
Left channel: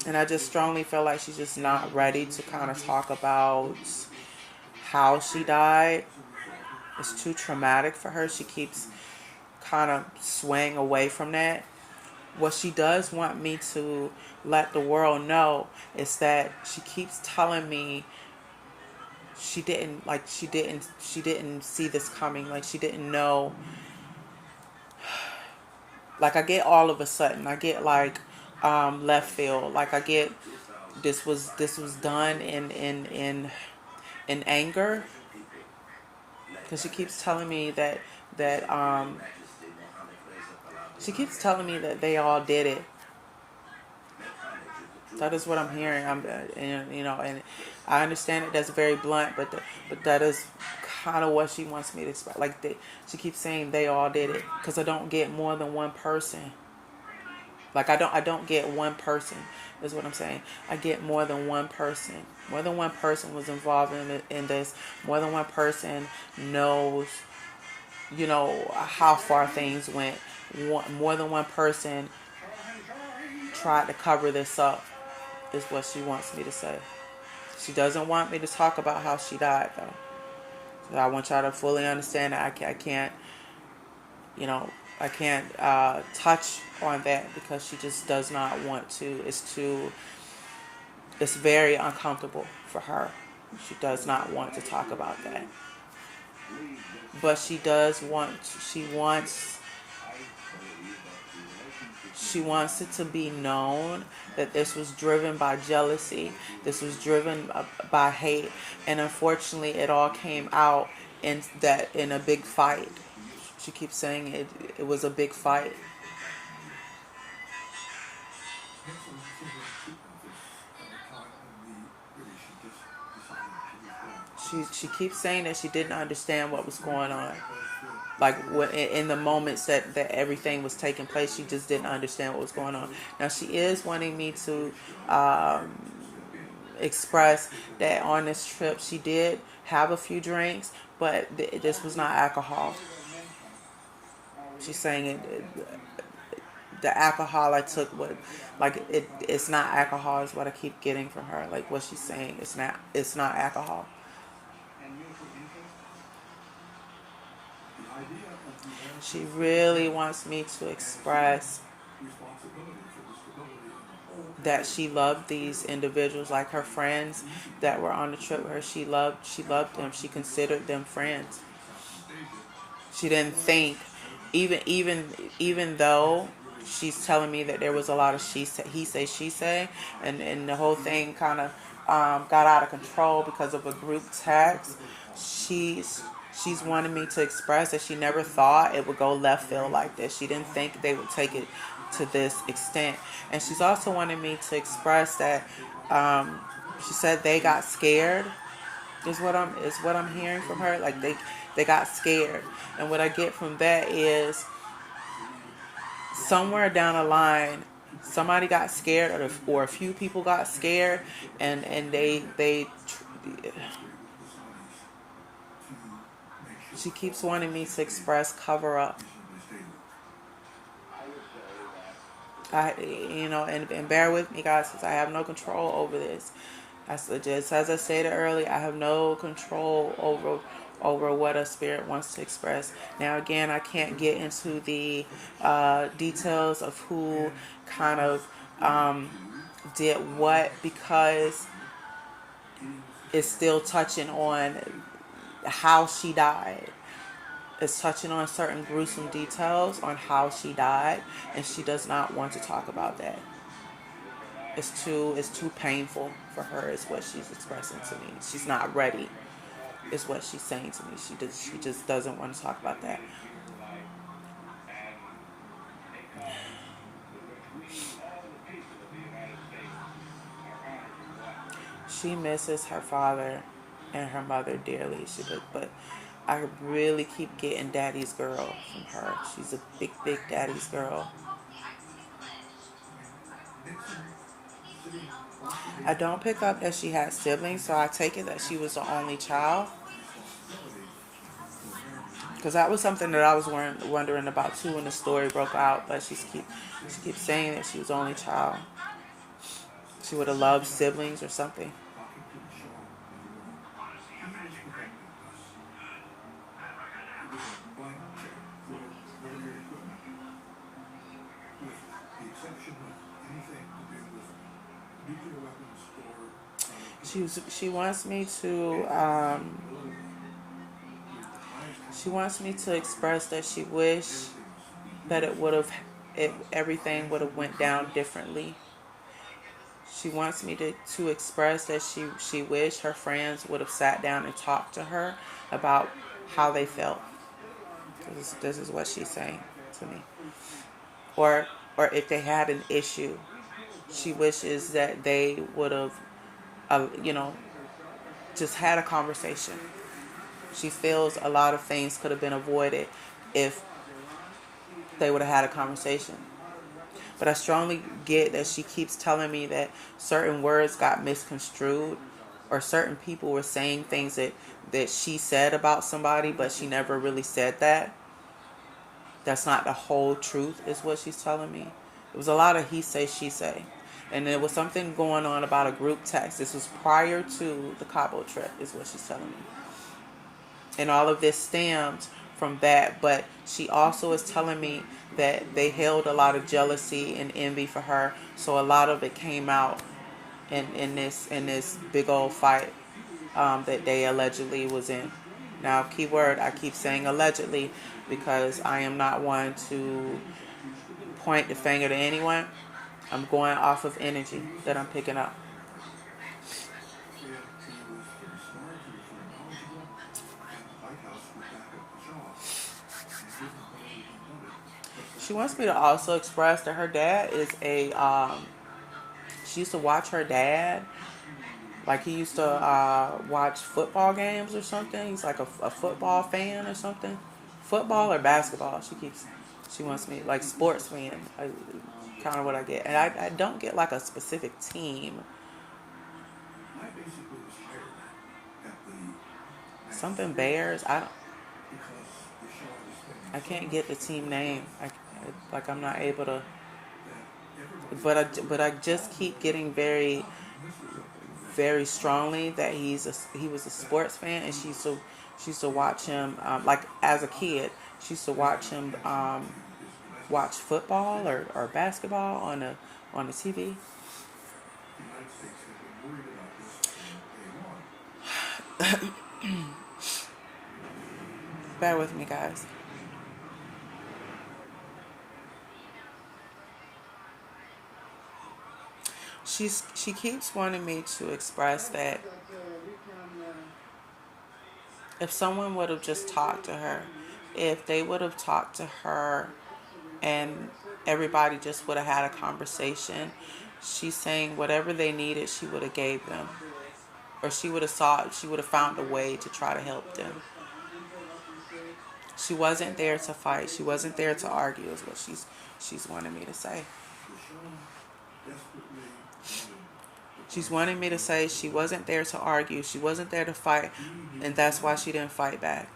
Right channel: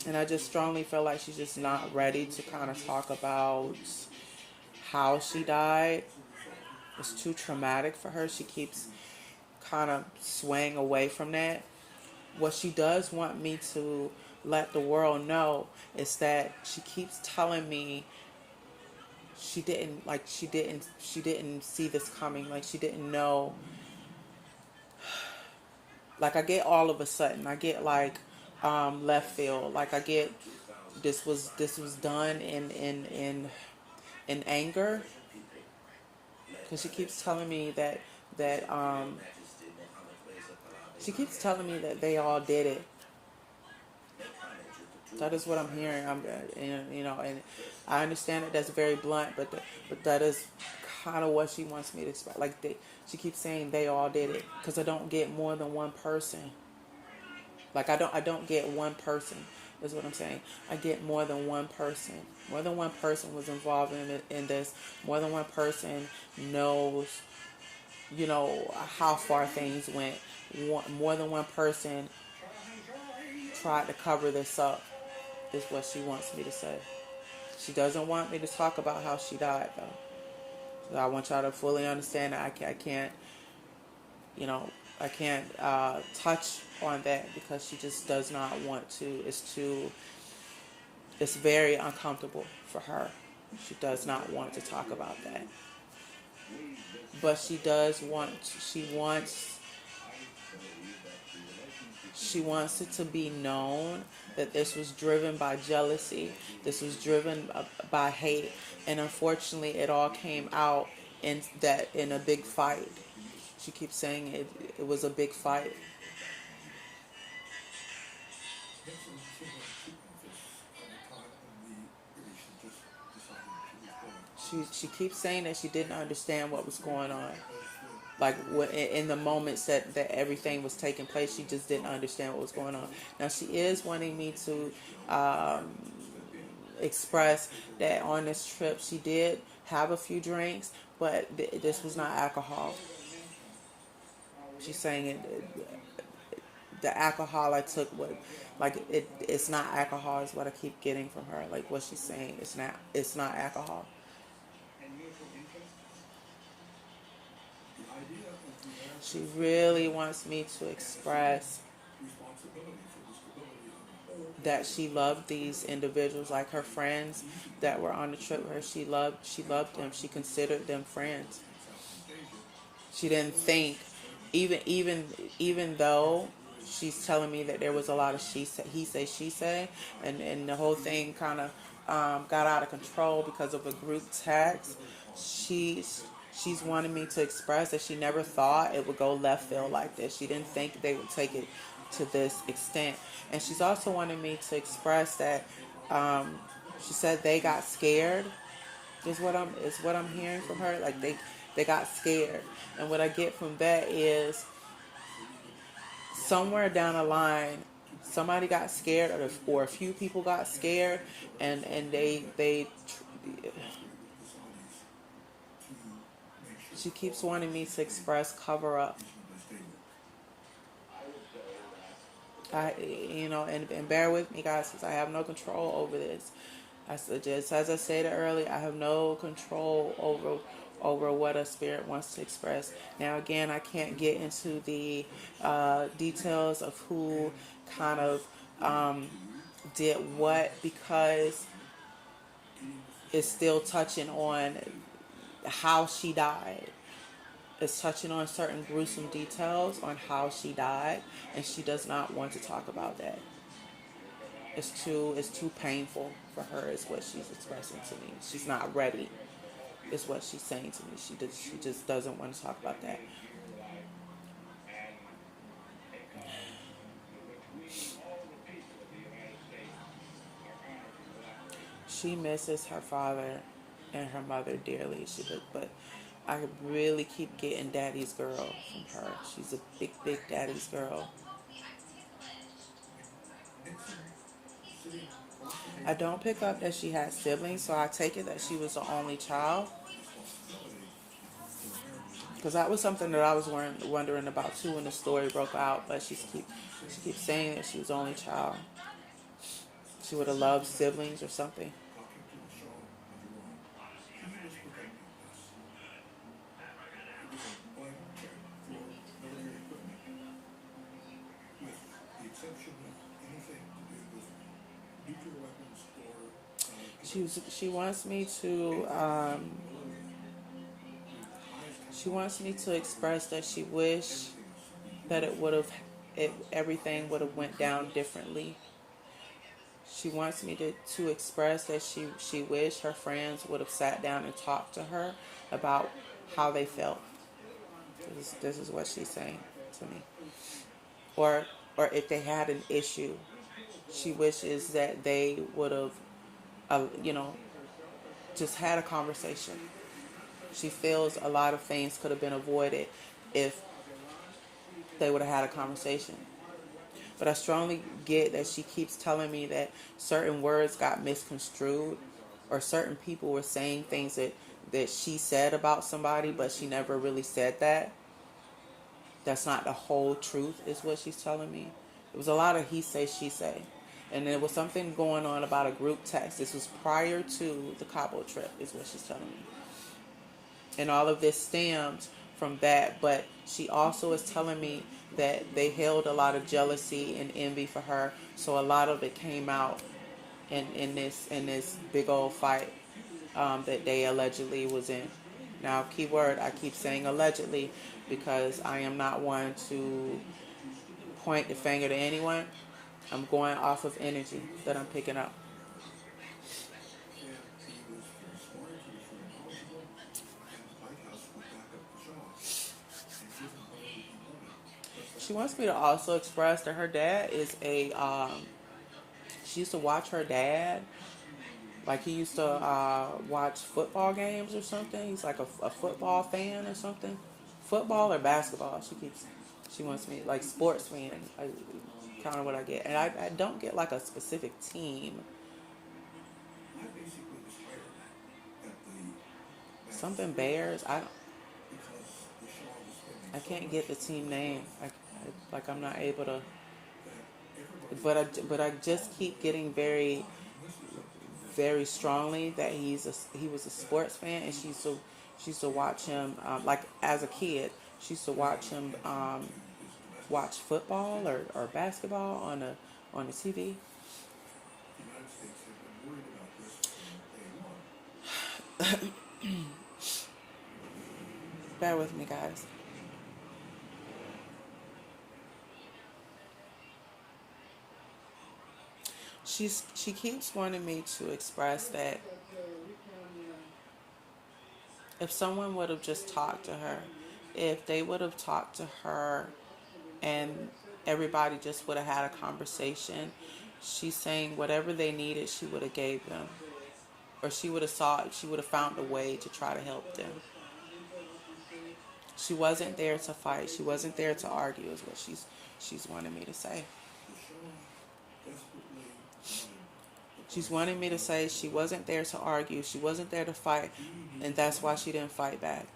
and I just strongly feel like she's just not ready to kind of talk about how she died. It's too traumatic for her. She keeps kind of swaying away from that. What she does want me to let the world know is that she keeps telling me she didn't see this coming. Like she didn't know. Like I get all of a sudden, I get like left field. Like I get this was done in anger, because she keeps telling me that they all did it. That is what I'm hearing. And I understand it. That's very blunt, but that is kind of what she wants me to express. Like she keeps saying they all did it, because I don't get more than one person. Like I don't get one person. Is what I'm saying. I get more than one person. More than one person was involved in this. More than one person knows, how far things went. More than one person tried to cover this up. Is what she wants me to say. She doesn't want me to talk about how she died, though. So I want y'all to fully understand that I can't, I can't touch on that because she just does not want to. It's very uncomfortable for her. She does not want to talk about that. But she wants it to be known that this was driven by jealousy. This was driven by hate. And unfortunately, it all came out in a big fight. She keeps saying it was a big fight. She keeps saying that she didn't understand what was going on. Like in the moments that everything was taking place, she just didn't understand what was going on. Now she is wanting me to express that on this trip she did have a few drinks, but this was not alcohol. She's saying the alcohol I took would, like, it's not alcohol is what I keep getting from her. Like what she's saying, it's not alcohol. She really wants me to express that she loved these individuals, like her friends that were on the trip with her. She loved them. She considered them friends. She didn't think, even though she's telling me that there was a lot of he say, she say, and the whole thing kind of got out of control because of a group text. She's wanted me to express that she never thought it would go left field like this. She didn't think they would take it to this extent, and she's also wanted me to express that she said they got scared. Is what I'm hearing from her. Like they got scared, and what I get from that is somewhere down the line, somebody got scared, or a few people got scared, and they. She keeps wanting me to express cover up. And bear with me, guys, because I have no control over this. Just as I said earlier, I have no control over what a spirit wants to express. Now, again, I can't get into the details of who kind of did what, because it's still touching on how she died. It's touching on certain gruesome details on how she died, and she does not want to talk about that. It's too painful for her, is what she's expressing to me. She's not ready, is what she's saying to me. She just doesn't want to talk about that. She misses her father and her mother dearly. But I really keep getting daddy's girl from her. She's a big, big daddy's girl. I don't pick up that she had siblings, so I take it that she was the only child. Because that was something that I was wondering about too when the story broke out. But she keeps saying that she was the only child. She would have loved siblings or something. She wants me to express that she wish that everything would have went down differently. She wants me to express that she wished her friends would have sat down and talked to her about how they felt. This is what she's saying to me. Or if they had an issue, she wishes that they would have, just had a conversation. She feels a lot of things could have been avoided if they would have had a conversation. But I strongly get that she keeps telling me that certain words got misconstrued, or certain people were saying things that she said about somebody, but she never really said that. That's not the whole truth, is what she's telling me. It was a lot of he say, she say. And there was something going on about a group text. This was prior to the Cabo trip, is what she's telling me. And all of this stemmed from that. But she also is telling me that they held a lot of jealousy and envy for her. So a lot of it came out in this big old fight that they allegedly was in. Now, keyword, I keep saying allegedly because I am not one to point the finger to anyone. I'm going off of energy that I'm picking up. She wants me to also express that her dad is she used to watch her dad. Like he used to watch football games or something. He's like a football fan or something. Football or basketball. She wants me, like, sports fan. Kind of what I get. And I don't get like a specific team. something Bears. I can't get the team name. I'm not able to. But I just keep getting very strongly that he was a sports fan, and she used to watch him like as a kid. She used to watch him watch football or basketball on the TV. Bear with me, guys. She keeps wanting me to express that if someone would have just talked to her, if they would have talked to her and everybody just would have had a conversation, she's saying whatever they needed, she would have gave them, or she would have found a way to try to help them. She wasn't there to fight. She wasn't there to argue. Is what she's wanting me to say. She's wanting me to say she wasn't there to argue. She wasn't there to fight, and that's why she didn't fight back.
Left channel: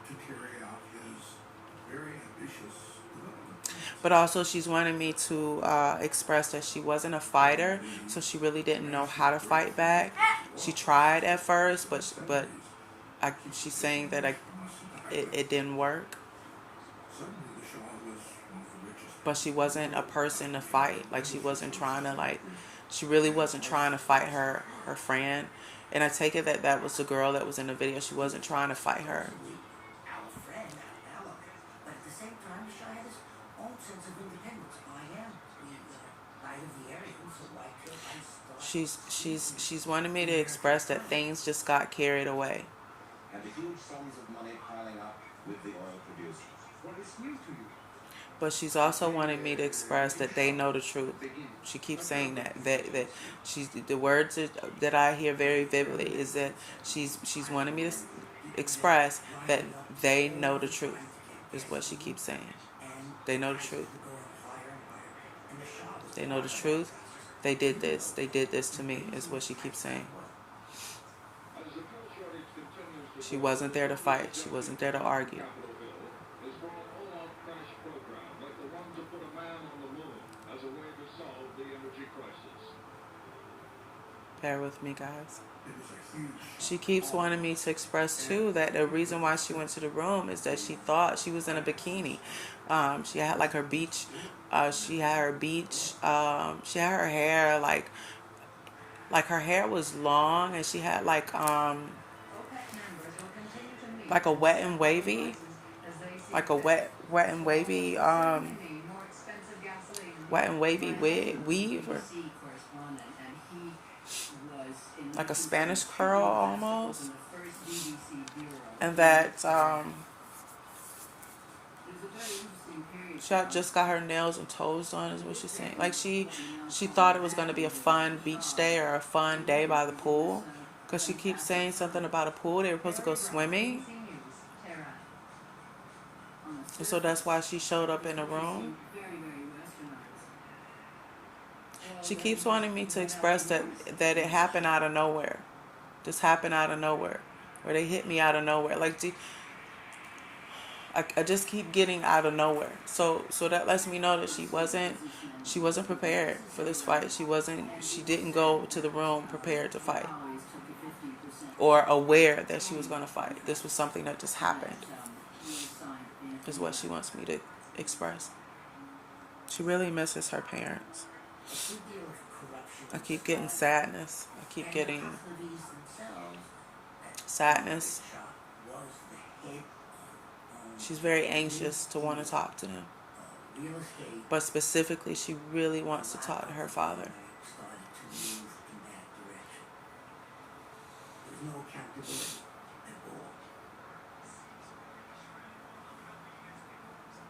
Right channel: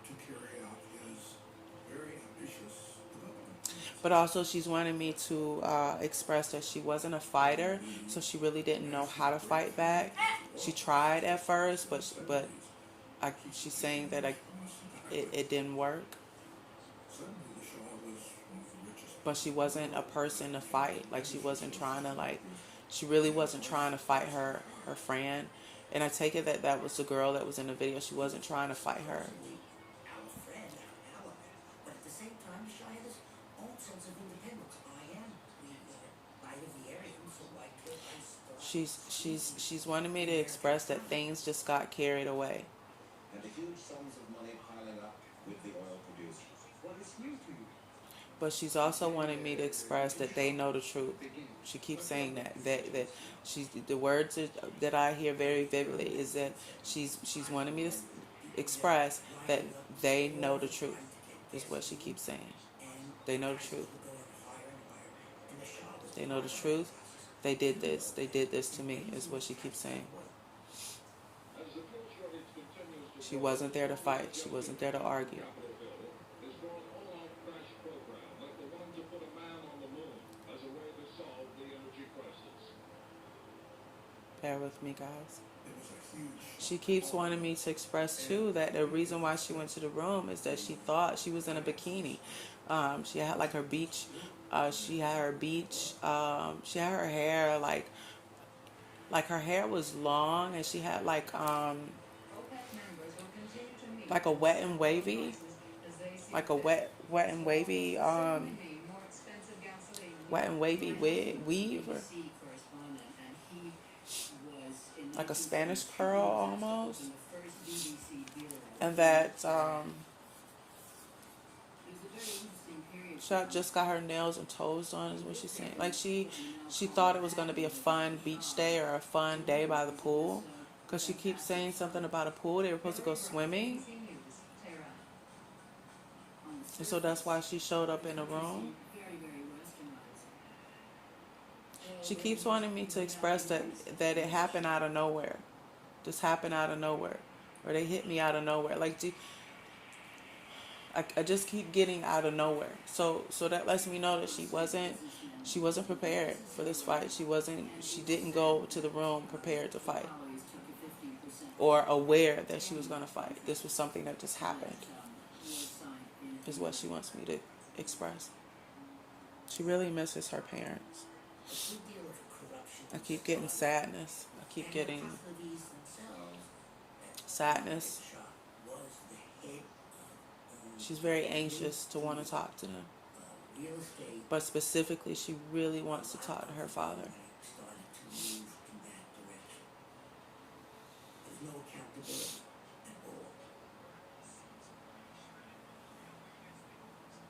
But also, she's wanting me to express that she wasn't a fighter, so she really didn't know how to fight back. She tried at first, but she's saying that it didn't work. But she wasn't a person to fight. Like she wasn't trying to she really wasn't trying to fight her friend. And I take it that that was the girl that was in the video. She wasn't trying to fight her. She's wanting me to express that things just got carried away. And the huge sums of money piling up with the oil producers. What is new to you? But she's also wanting me to express that they know the truth. She keeps saying that she's the words that I hear very vividly is that she's wanting me to express that they know the truth. Is what she keeps saying. They know the truth. They know the truth. They did this. They did this to me. Is what she keeps saying. She wasn't there to fight. She wasn't there to argue. Bear with me, guys. She keeps wanting me to express too that the reason why she went to the room is that she thought she was in a bikini. She had like her beach. She had her beach. She had her hair like her hair was long, and she had like a wet and wavy, like a wet and wavy weave, or like a Spanish curl almost, and that she had just got her nails and toes done, is what she's saying. Like she thought it was going to be a fun beach day or a fun day by the pool, because she keeps saying something about a pool. They were supposed to go swimming, and so that's why she showed up in the room. She keeps wanting me to express that it happened out of nowhere. Just happened out of nowhere. Or they hit me out of nowhere. Like, I just keep getting out of nowhere. So that lets me know that she wasn't prepared for this fight. She didn't go to the room prepared to fight. Or aware that she was going to fight. This was something that just happened. Is what she wants me to express. She really misses her parents. I keep getting sadness. I keep getting sadness. She's very anxious to want to talk to them. But specifically, she really wants to talk to her father.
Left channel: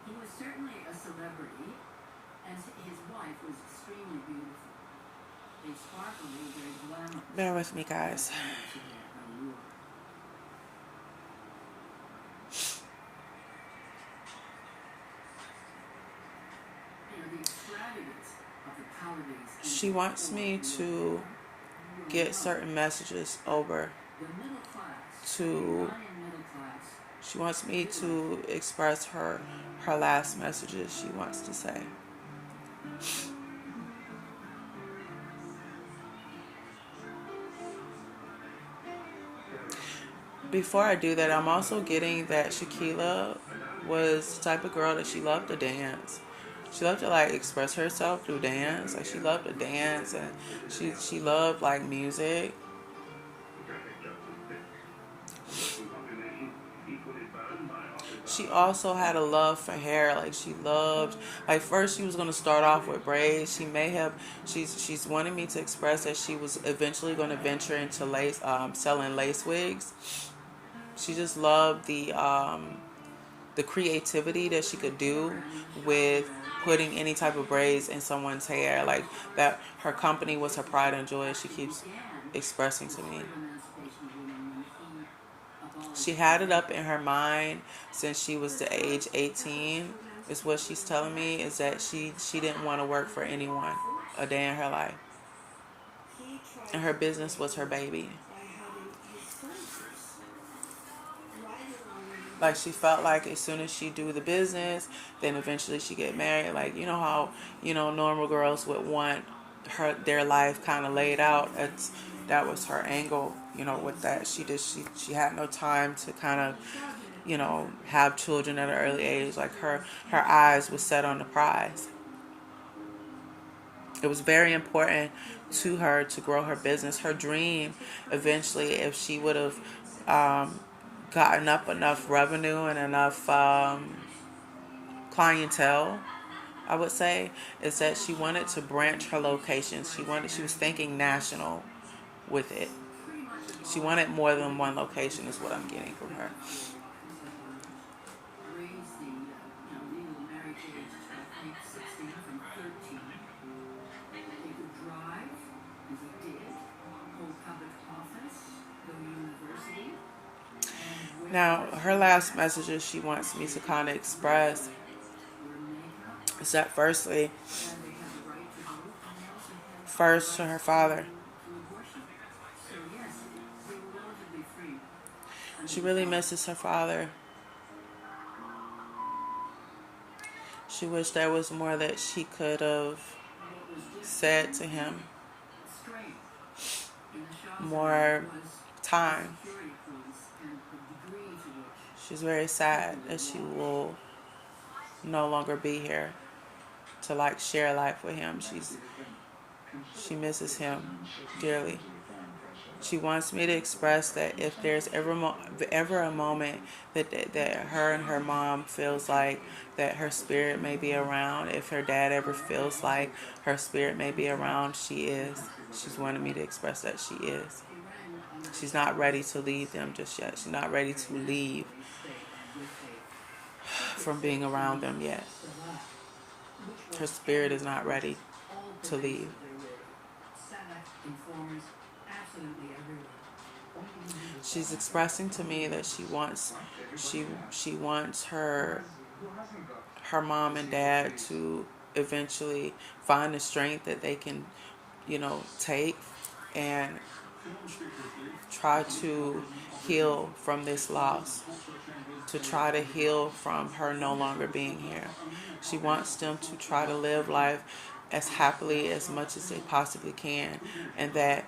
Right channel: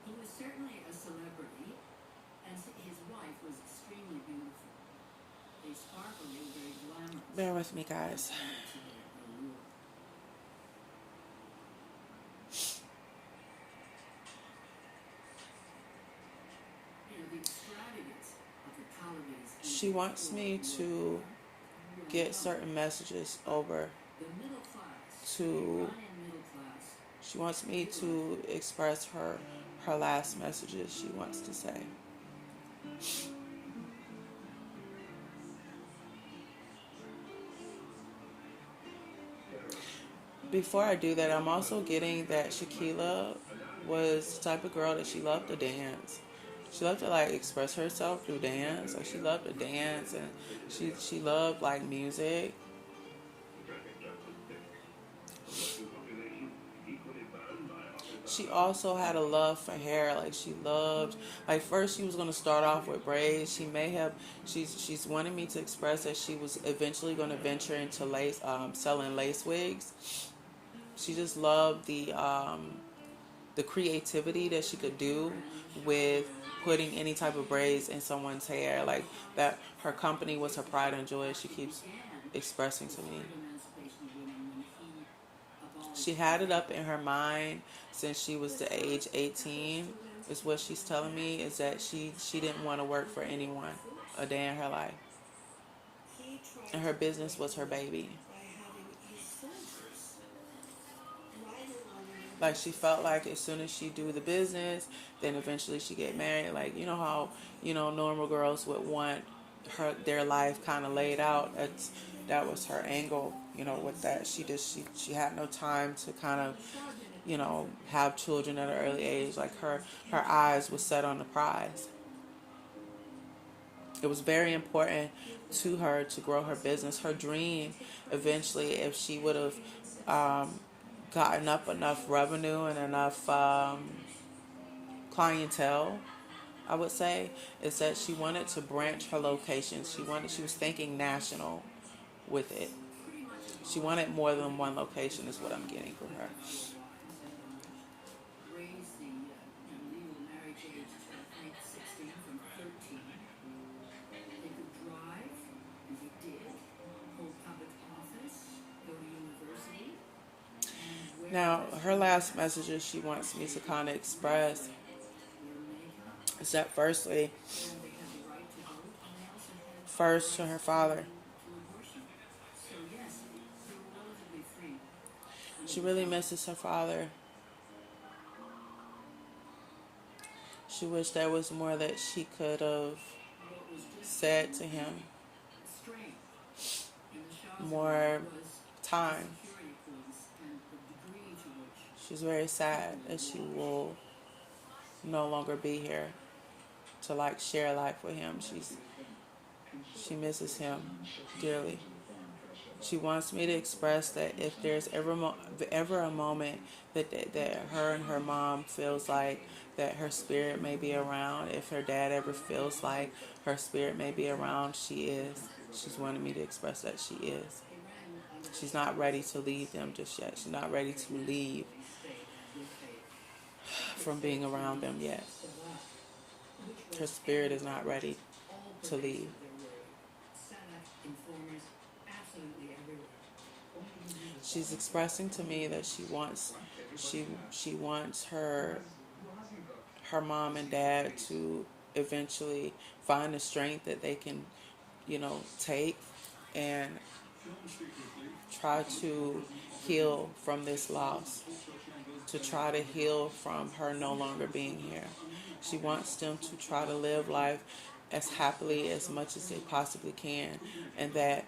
He was certainly a celebrity, and his wife was extremely beautiful. They sparkly, very glamorous. Bear with me, guys. She wants me to get certain messages over to She wants me to express her last messages she wants to say. Before I do that, I'm also getting that Shaquilla was the type of girl that she loved to dance. She loved to like express herself through dance. Like she loved to dance, and she loved like music. She also had a love for hair. Like she loved. Like first, she was gonna start off with braids. She may have. She's wanting me to express that she was eventually going to venture into lace, selling lace wigs. She just loved the creativity that she could do with putting any type of braids in someone's hair. Like that, her company was her pride and joy. She keeps expressing to me. She had it up in her mind since she was the age 18. Is what she's telling me is that she didn't want to work for anyone a day in her life, and her business was her baby. Like she felt like as soon as she do the business, then eventually she get married. Like you know how normal girls would want their life kind of laid out. That was her angle. With that she had no time to kind of have children at an early age. Like her eyes was set on the prize. It was very important to her to grow her business. Her dream, eventually, if she would have gotten up enough revenue and enough clientele, I would say, is that she wanted to branch her locations. She was thinking national with it. She wanted more than one location is what I'm getting from her. Now, her last messages she wants me to kind of express is that first to her father. She really misses her father. She wished there was more that she could have said to him. More time. She's very sad that she will no longer be here to like share life with him. She misses him dearly. She wants me to express that if there's ever a moment that her and her mom feels like that her spirit may be around, if her dad ever feels like her spirit may be around, she is. She's wanted me to express that she is. She's not ready to leave them just yet. She's not ready to leave from being around them yet. Her spirit is not ready to leave. She's expressing to me that she wants her mom and dad to eventually find the strength that they can, take and try to heal from this loss, to try to heal from her no longer being here. She wants them to try to live life as happily as much as they possibly can, and that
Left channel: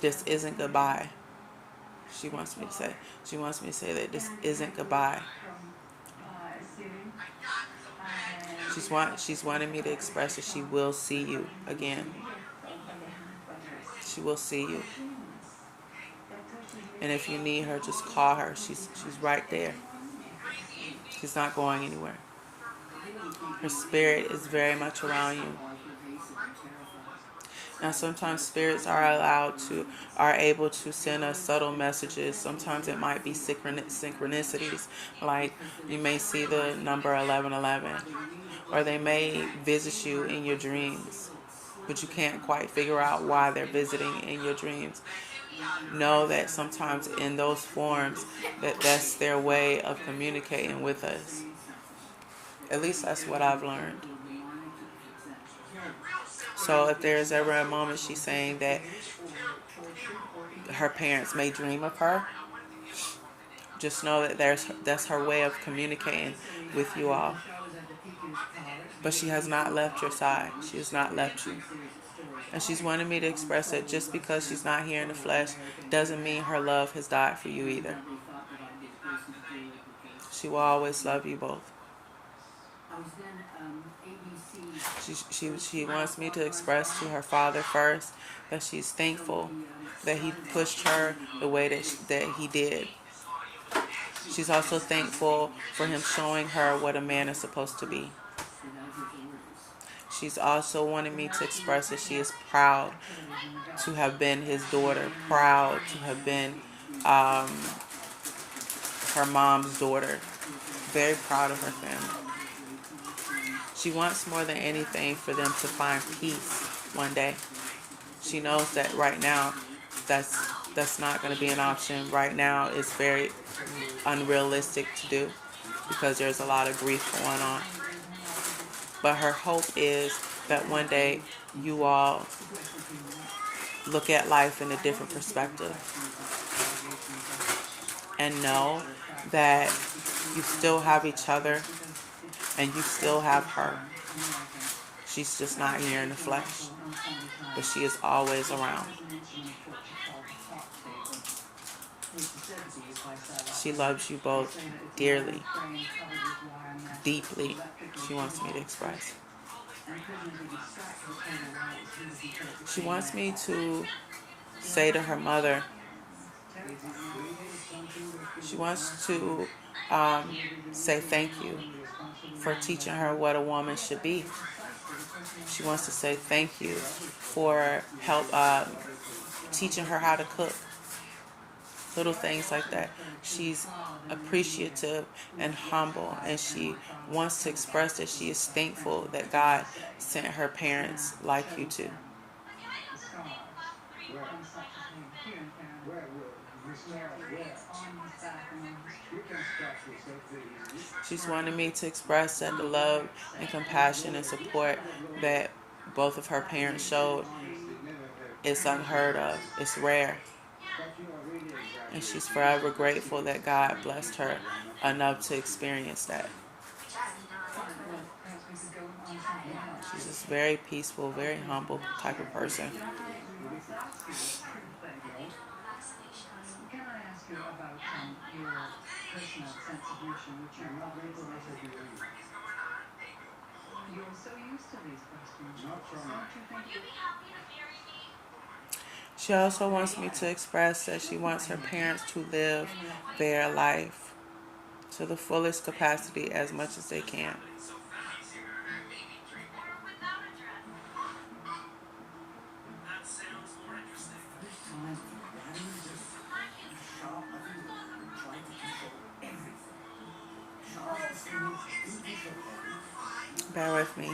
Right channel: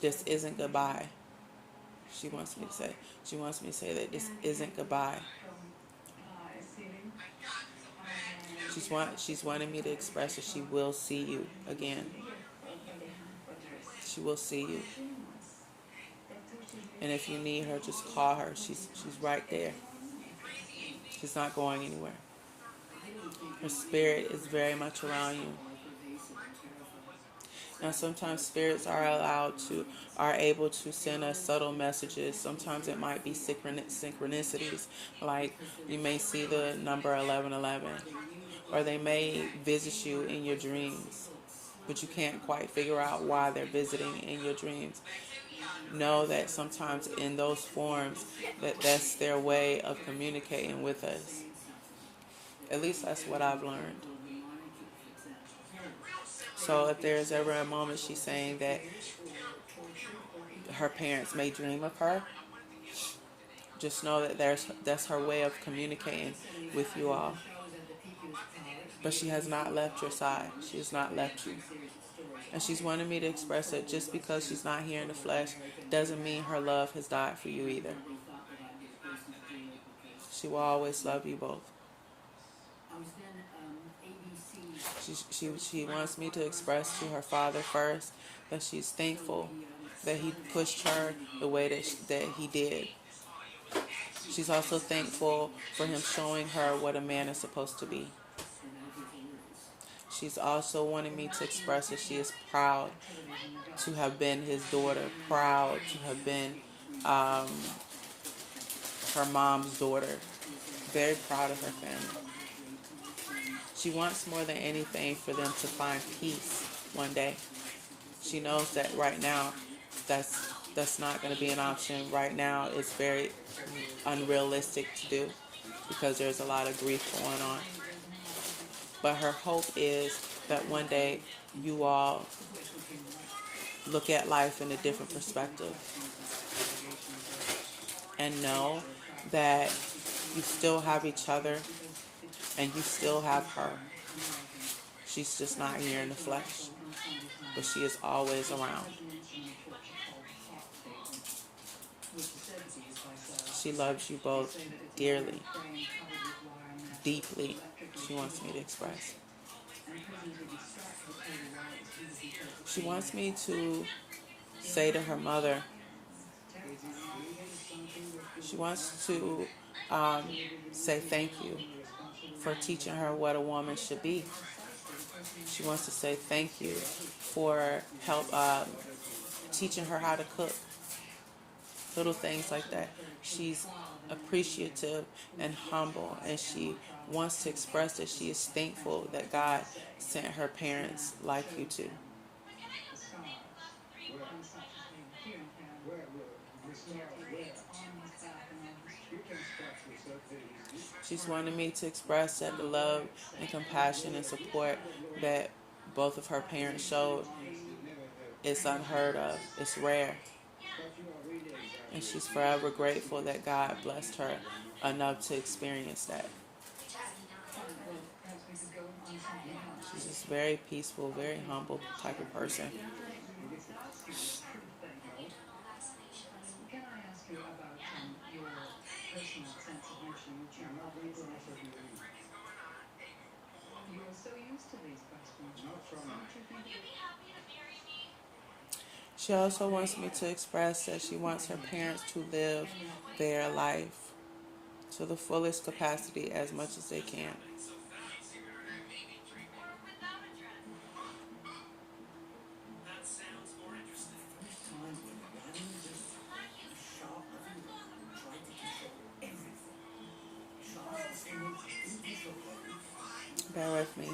this isn't goodbye. She wants me to say that this isn't goodbye. She's wanting me to express that she will see you again. She will see you. And if you need her, just call her. She's right there. She's not going anywhere. Her spirit is very much around you. Now, sometimes spirits are able to send us subtle messages. Sometimes it might be synchronicities, like you may see the number 1111, or they may visit you in your dreams, but you can't quite figure out why they're visiting in your dreams. Know that sometimes in those forms that's their way of communicating with us. At least that's what I've learned. So if there's ever a moment she's saying that her parents may dream of her, just know that that's her way of communicating with you all. But she has not left your side. She has not left you. And she's wanted me to express that just because she's not here in the flesh doesn't mean her love has died for you either. She will always love you both. She wants me to express to her father first that she's thankful that he pushed her the way that he did. She's also thankful for him showing her what a man is supposed to be. She's also wanted me to express that she is proud to have been his daughter, proud to have been um, her mom's daughter, very proud of her family. She wants more than anything for them to find peace one day. She knows that right now that's not going to be an option. Right now it's very unrealistic to do because there's a lot of grief going on. But her hope is that one day you all look at life in a different perspective and know that you still have each other and you still have her. She's just not here in the flesh, but she is always around. She loves you both dearly, deeply. She wants me to express. She wants me to say to her mother, she wants to say thank you for teaching her what a woman should be. She wants to say thank you for help teaching her how to cook. Little things like that. She's appreciative and humble, and she wants to express that she is thankful that God sent her parents like you two. She's wanted me to express that the love and compassion and support that both of her parents showed is unheard of. It's rare. And she's forever grateful that God blessed her enough to experience that. She's just very peaceful, very humble type of person. She also wants me to express that she wants her parents to live their life to the fullest capacity as much as they can. Bear with me.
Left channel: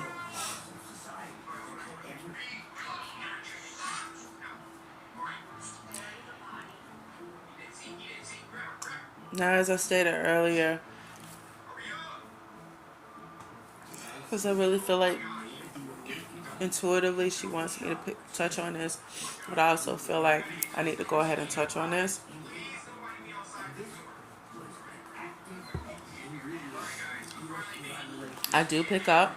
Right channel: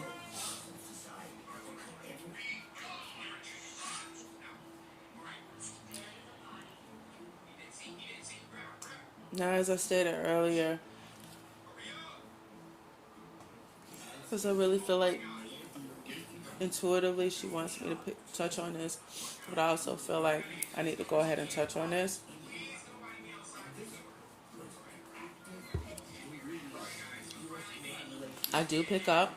Now, as I stated earlier, because I really feel like intuitively she wants me to touch on this, but I also feel like I need to go ahead and touch on this. I do pick up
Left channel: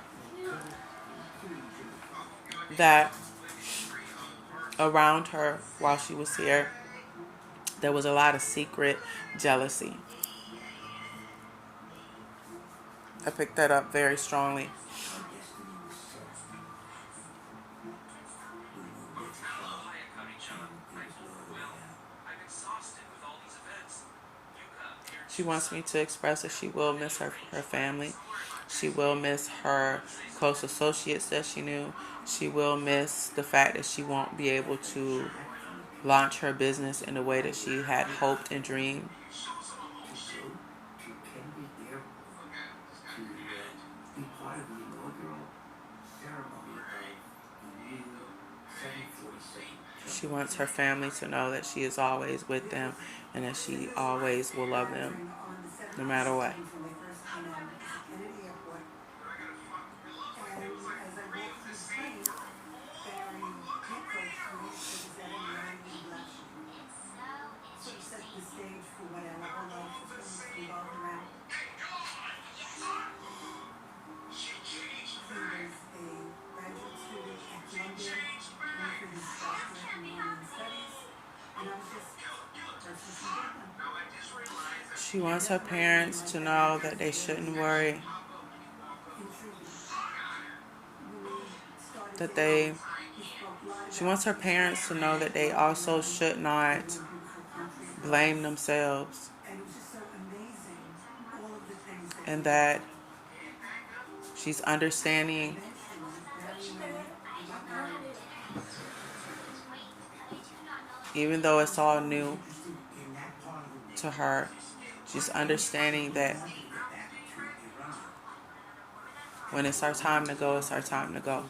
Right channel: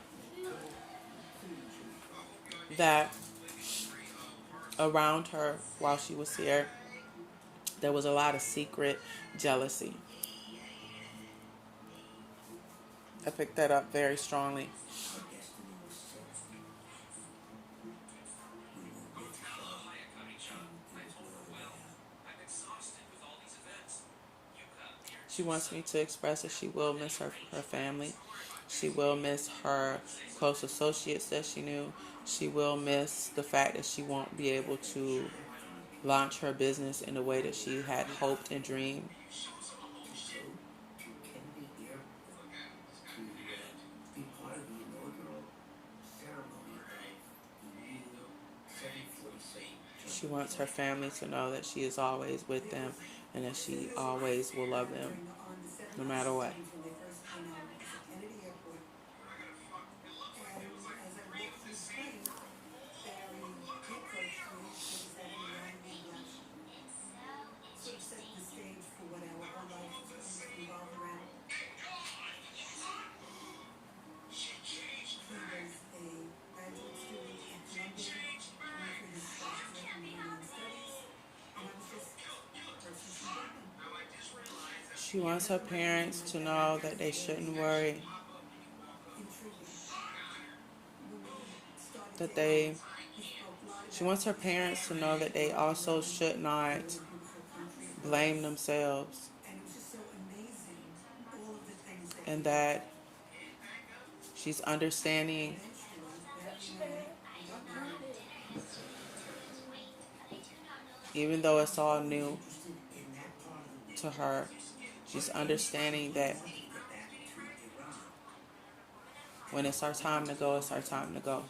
that around her while she was here, there was a lot of secret jealousy. I picked that up very strongly. She wants me to express that she will miss her family. She will miss her close associates that she knew. She will miss the fact that she won't be able to launch her business in the way that she had hoped and dreamed. She wants her family to know that she is always with them and that she always will love them no matter what. She wants her parents to know that they shouldn't worry, that they she wants her parents to know that they also should not blame themselves, and that she's understanding, even though it's all new to her. She's understanding that when it's her time to go, it's her time to go.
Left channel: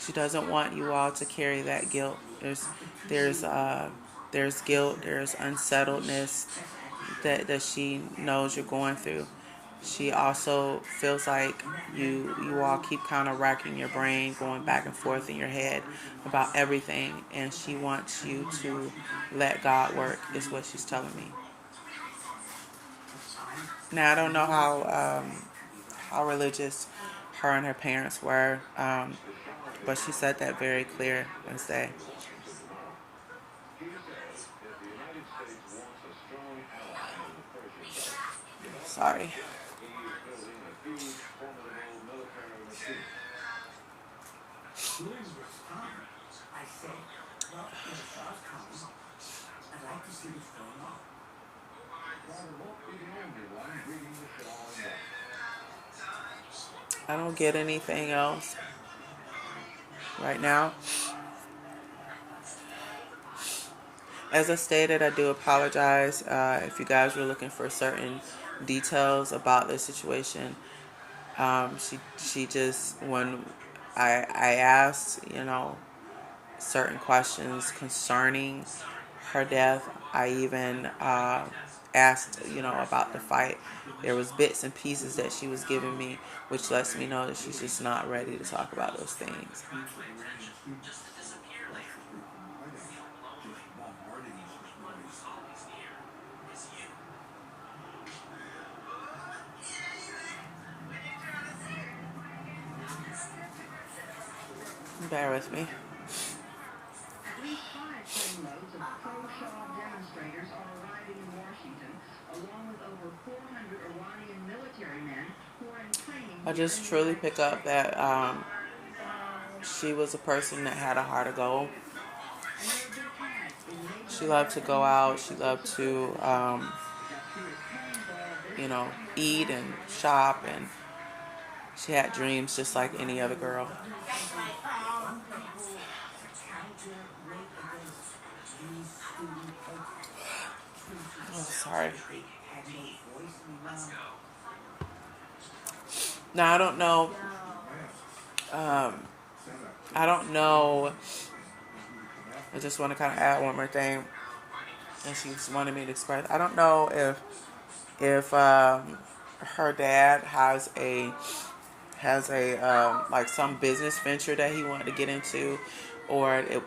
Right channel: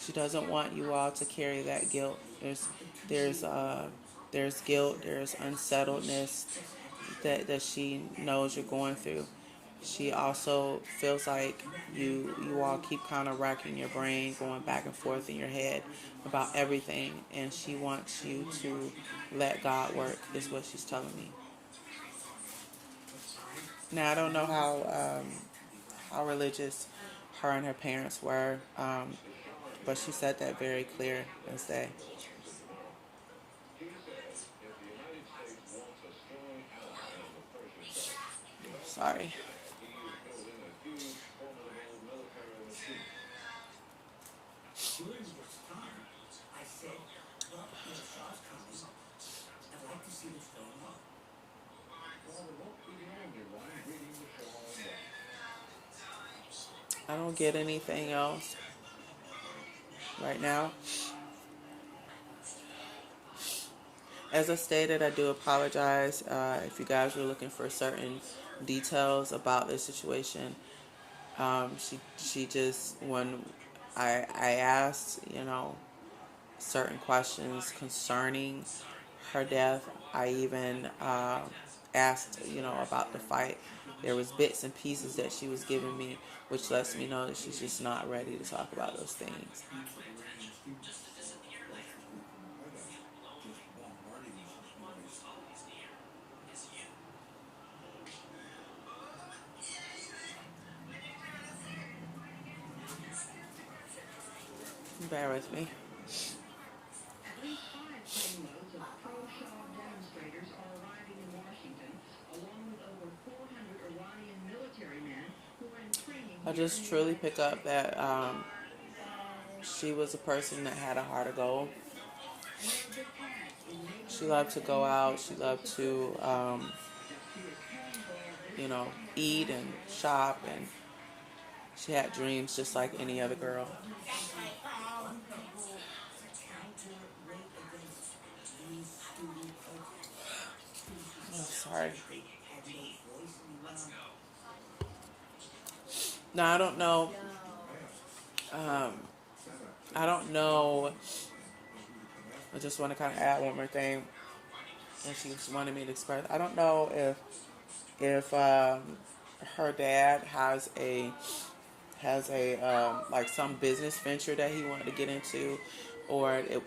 She doesn't want you all to carry that guilt. There's there's guilt, there's unsettledness that she knows you're going through. She also feels like you all keep kind of racking your brain, going back and forth in your head about everything, and she wants you to let God work. Is what she's telling me. Now I don't know how religious her and her parents were, but she said that very clear Wednesday. Sorry. I don't get anything else right now. As I stated, I do apologize if you guys were looking for certain details about this situation. She just when I asked, certain questions concerning her death. I even asked, about the fight. There was bits and pieces that she was giving me, which lets me know that she's just not ready to talk about those things. Bear with me. At least 5 trainloads of pro-Shah demonstrators are arriving in Washington, along with over 400 Iranian military men who are in training. I just truly pick up that she was a person that had a heart of gold. She loved to go out. She loved to, eat and shop, and she had dreams just like any other girl. Oh, sorry. Now I don't know. I don't know. I just want to kind of add one more thing, and she just wanted me to express. I don't know if her dad has a like some business venture that he wanted to get into, or it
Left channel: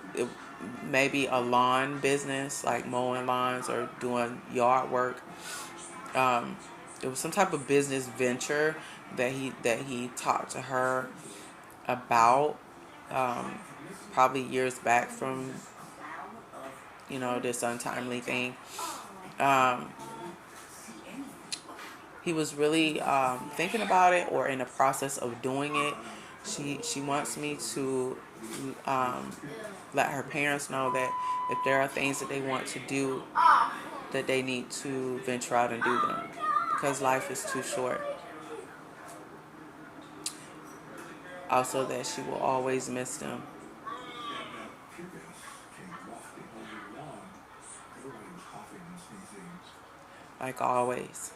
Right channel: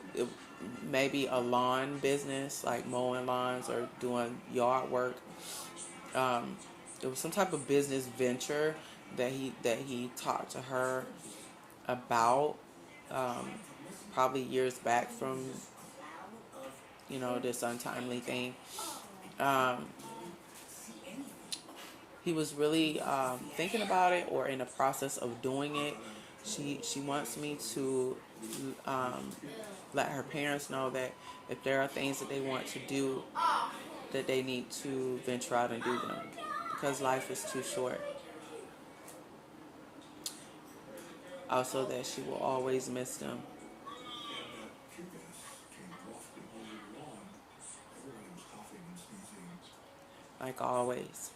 maybe a lawn business like mowing lawns or doing yard work. Um, it was some type of business venture that he talked to her about, um, probably years back from this untimely thing. Um, he was really thinking about it or in the process of doing it. She wants me to um, let her parents know that if there are things that they want to do, that they need to venture out and do them because life is too short. Also, that she will always miss them, like always.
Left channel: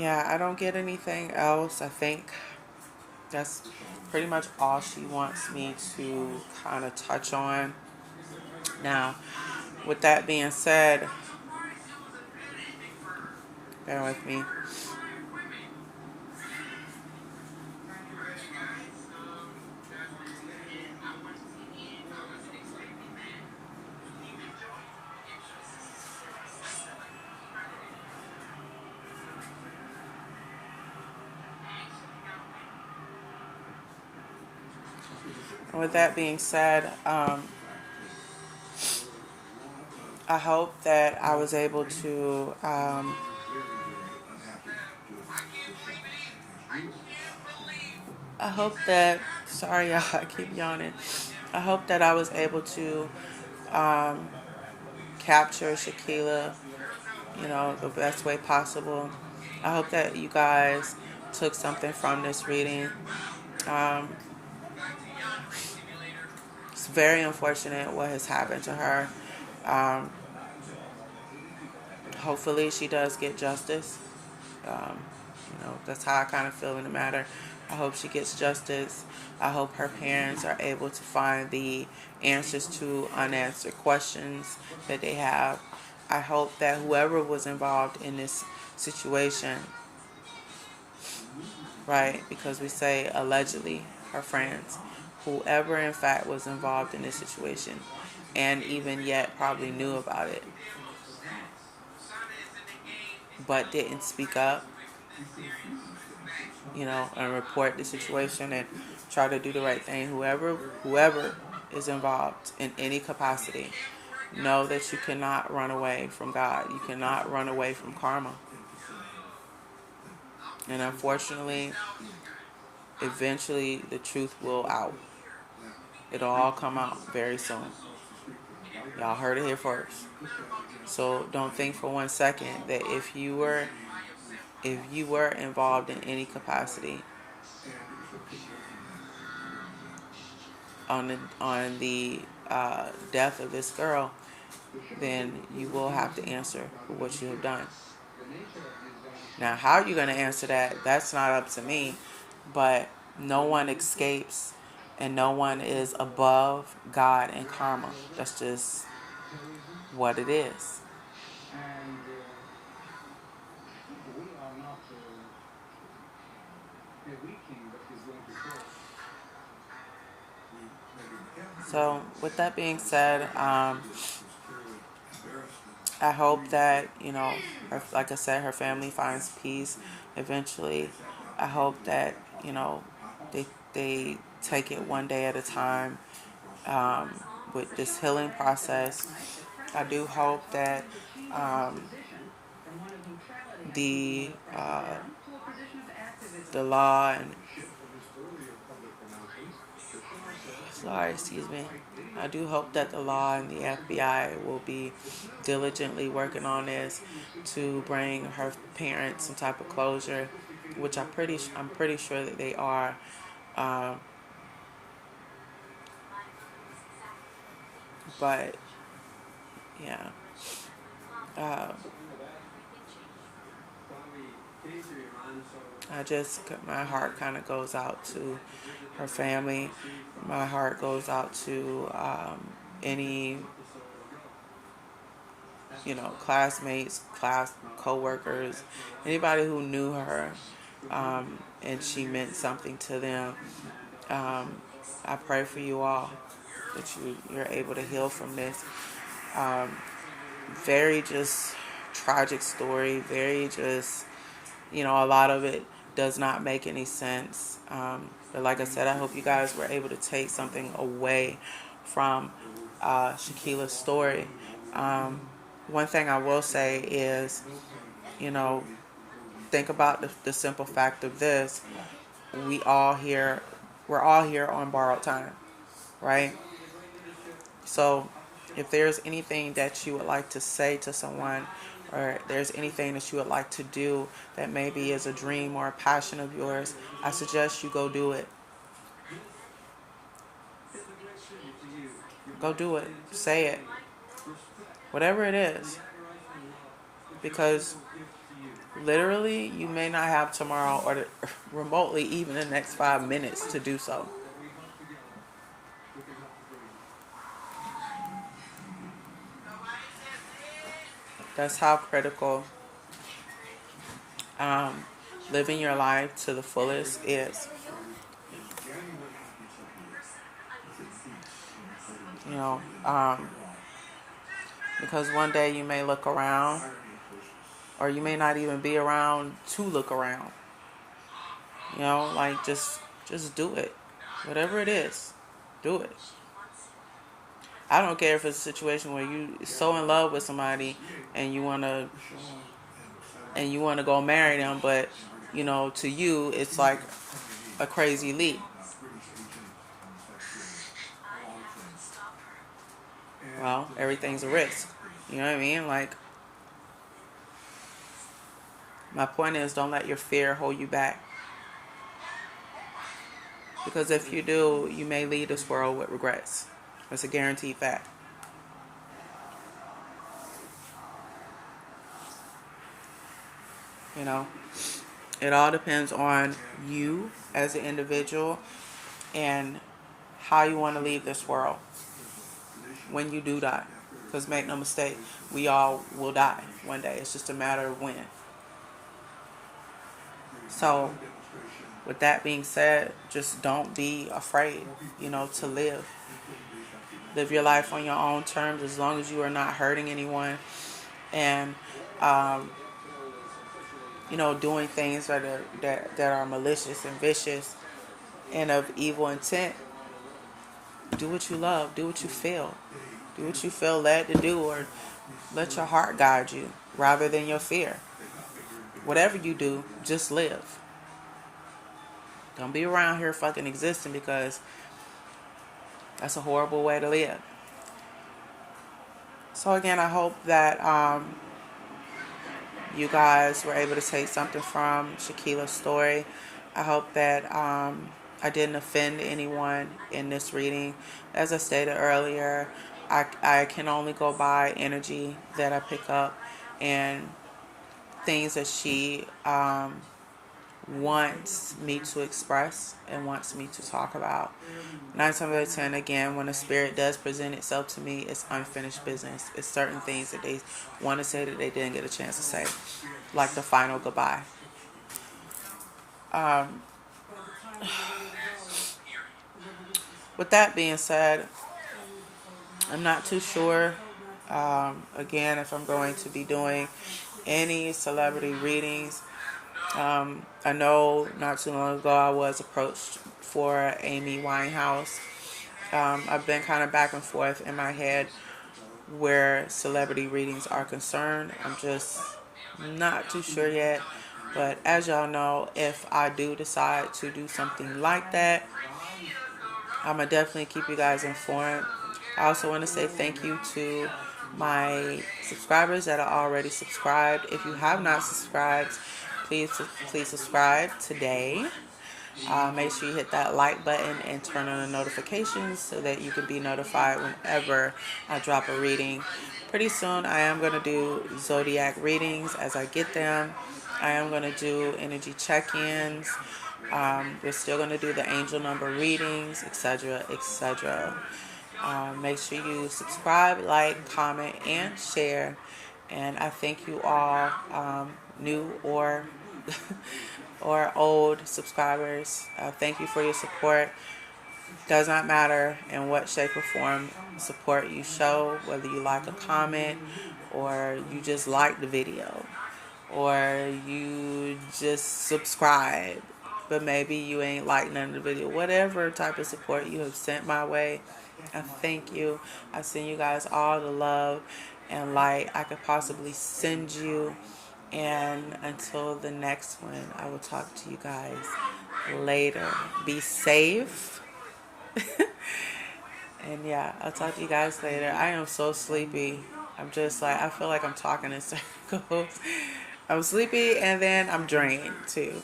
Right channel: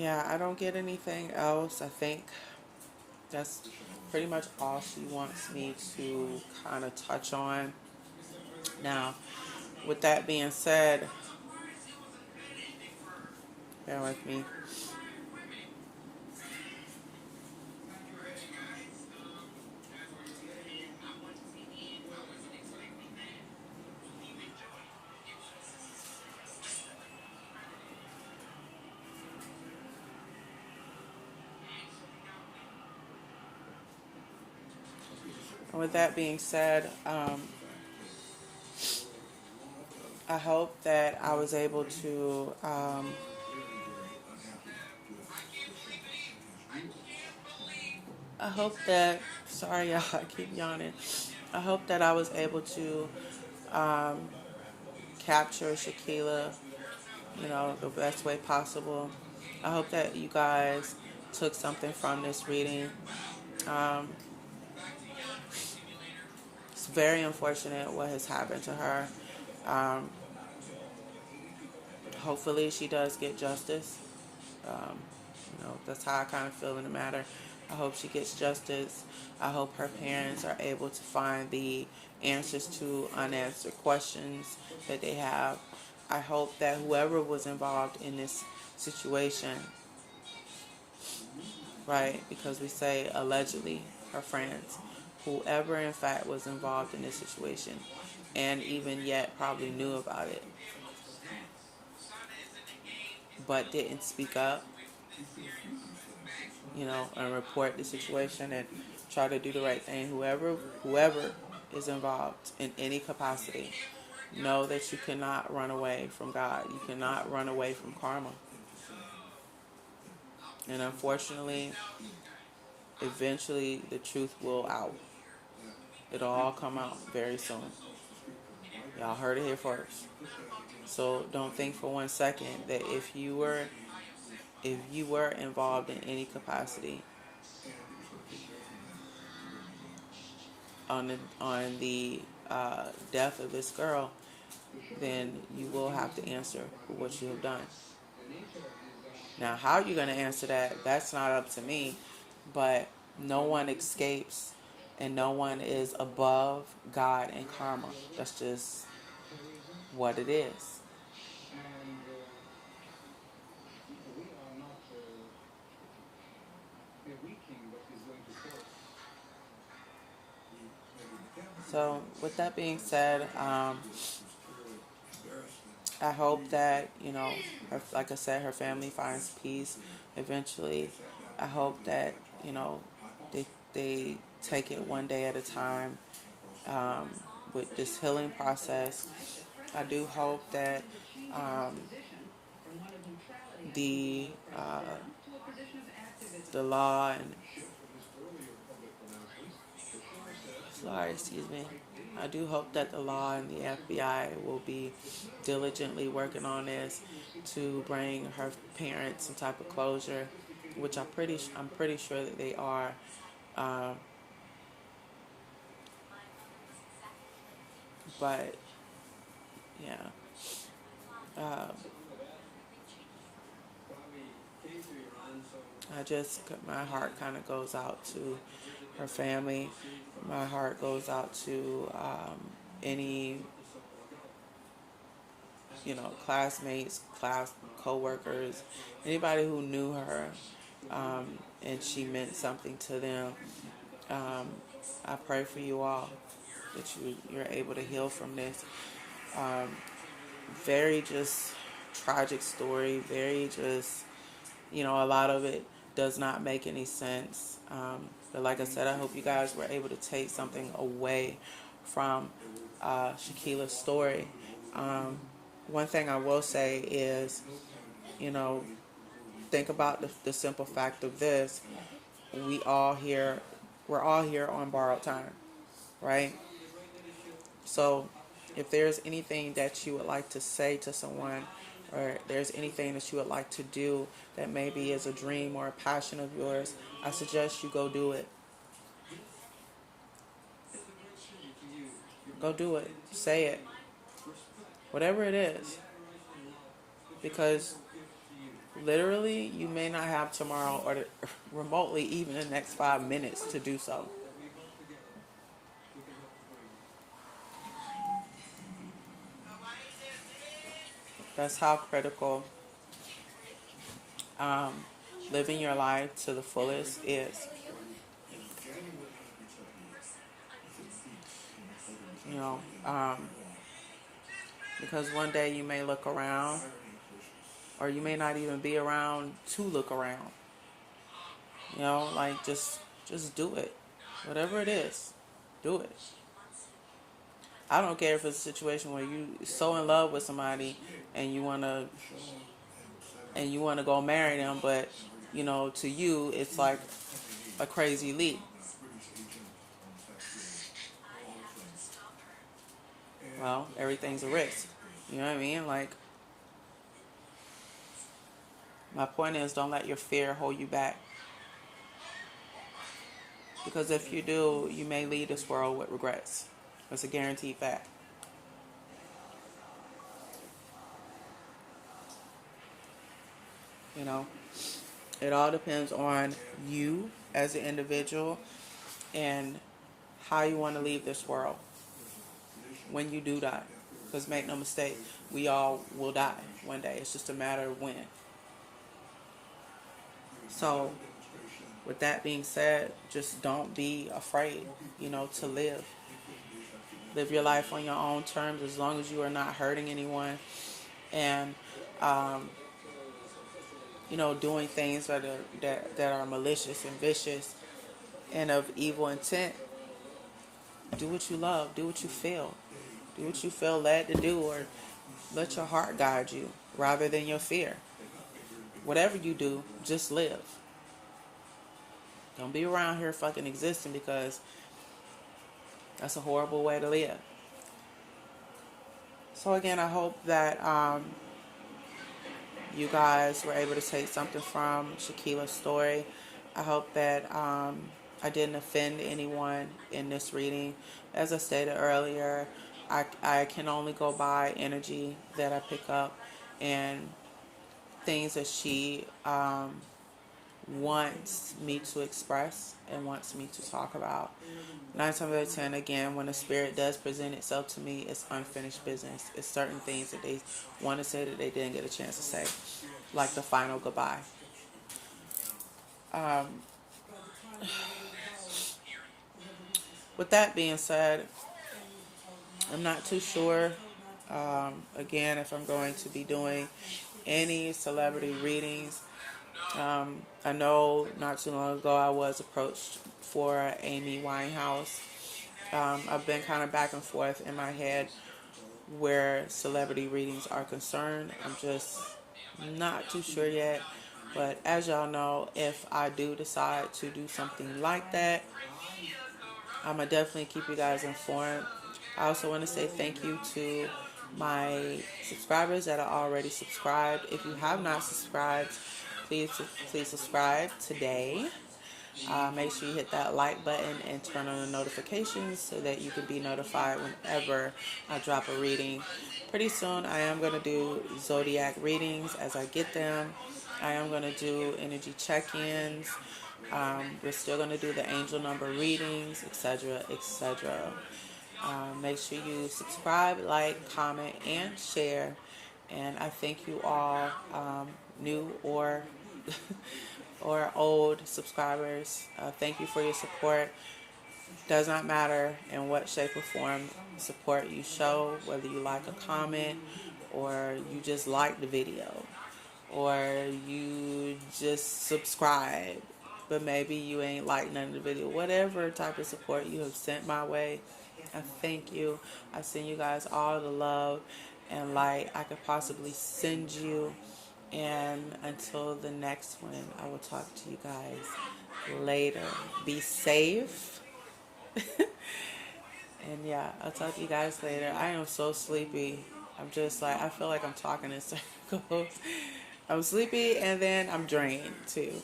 Yeah, I don't get anything else. I think that's pretty much all she wants me to kind of touch on. Now, with that being said, bear with me. With that being said, I hope that I was able to. I hope that. Sorry, y'all. I keep yawning. I hope that I was able to capture Shaquilla, the best way possible. I hope that you guys took something from this reading. Um, it's very unfortunate what has happened to her. Um, Hopefully, she does get justice. Um, that's how I kind of feel in the matter. I hope she gets justice. I hope her parents are able to find the answers to unanswered questions that they have. I hope that whoever was involved in this situation, right, because we say allegedly, her friends, whoever in fact was involved in this situation and even yet probably knew about it but didn't speak up, and report the situation and try to do the right thing. Whoever is involved in any capacity, know that you cannot run away from God. You cannot run away from karma. And unfortunately, eventually the truth will out. It'll all come out very soon. Y'all heard it here first. So don't think for 1 second that if you were involved in any capacity on the death of this girl, then you will have to answer for what you have done. Now, how you're going to answer that, that's not up to me, but no one escapes and no one is above God and karma. That's just what it is. So, with that being said, I hope that, like I said, her family finds peace eventually. I hope that, they take it one day at a time with this healing process. I do hope that the the law and excuse me. I do hope that the law and the FBI will be diligently working on this to bring her parents some type of closure, which I'm pretty sure that they are. Um, but yeah, uh, my heart kind of goes out to her family. My heart goes out to any classmates, class co-workers, anybody who knew her, and she meant something to them. I pray for you all that you're able to heal from this. Very just tragic story. Very just, a lot of it does not make any sense. But like I said, I hope you guys were able to take something away from Shaquilla's story. One thing I will say is, you know, think about the simple fact of this. We're all here on borrowed time, right? So if there's anything that you would like to say to someone, or there's anything that you would like to do that maybe is a dream or a passion of yours, I suggest you go do it. Go do it. Say it. Whatever it is. Because literally, you may not have tomorrow or remotely even the next 5 minutes to do so. That's how critical living your life to the fullest is. You know, because one day you may look around, or you may not even be around to look around. Like just do it, whatever it is. Do it. I don't care if it's a situation where you so in love with somebody and you wanna go marry them, but to you it's like a crazy leap. Well, everything's a risk. You know what I mean? Like, my point is, don't let your fear hold you back. Because if you do, you may leave this world with regrets. That's a guaranteed fact. You know, it all depends on you as an individual and how you want to leave this world when you do die. Because make no mistake, we all will die one day. It's just a matter of when. So, with that being said, just don't be afraid, to live. Live your life on your own terms as long as you are not hurting anyone and, doing things that are malicious and vicious and of evil intent. Do what you love. Do what you feel. Do what you feel led to do, or let your heart guide you rather than your fear. Whatever you do, just live. Don't be around here fucking existing, because that's a horrible way to live. So again, I hope that you guys were able to take something from Shaquila's story. I hope that I didn't offend anyone in this reading. As I stated earlier, I can only go by energy that I pick up and things that she wants me to express and wants me to talk about. 9 times out of 10, again, when a spirit does present itself to me, it's unfinished business. It's certain things that they want to say that they didn't get a chance to say, like the final goodbye. With that being said, I'm not too sure, again, if I'm going to be doing any celebrity readings. I know not too long ago I was approached for Amy Winehouse. I've been kind of back and forth in my head where celebrity readings are concerned. I'm just not too sure yet. But as y'all know, if I do decide to do something like that, I'm going to definitely keep you guys informed. I also want to say thank you to my subscribers that are already subscribed. If you have not subscribed, please subscribe today. Make sure you hit that like button and turn on the notifications so that you can be notified whenever I drop a reading. Pretty soon I am going to do zodiac readings as I get them. I am going to do energy check-ins. We're still going to do the angel number readings, etc., etc. Make sure you subscribe, like, comment, and share. And I thank you all, new or or old subscribers. Thank you for your support. Does not matter in what shape or form support you show, whether you like a comment or you just like the video or you just subscribe, but maybe you ain't like none of the video. Whatever type of support you have sent my way, I thank you. I send you guys all the love and light I could possibly send you. And until the next one, I will talk to you guys later. Be safe. And yeah, I'll talk to you guys later. I am so sleepy. I'm just like, I feel like I'm talking in circles. I'm sleepy and then I'm drained too.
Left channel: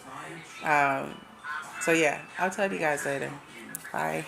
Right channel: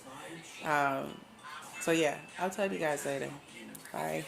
So yeah, I'll talk to you guys later. Bye.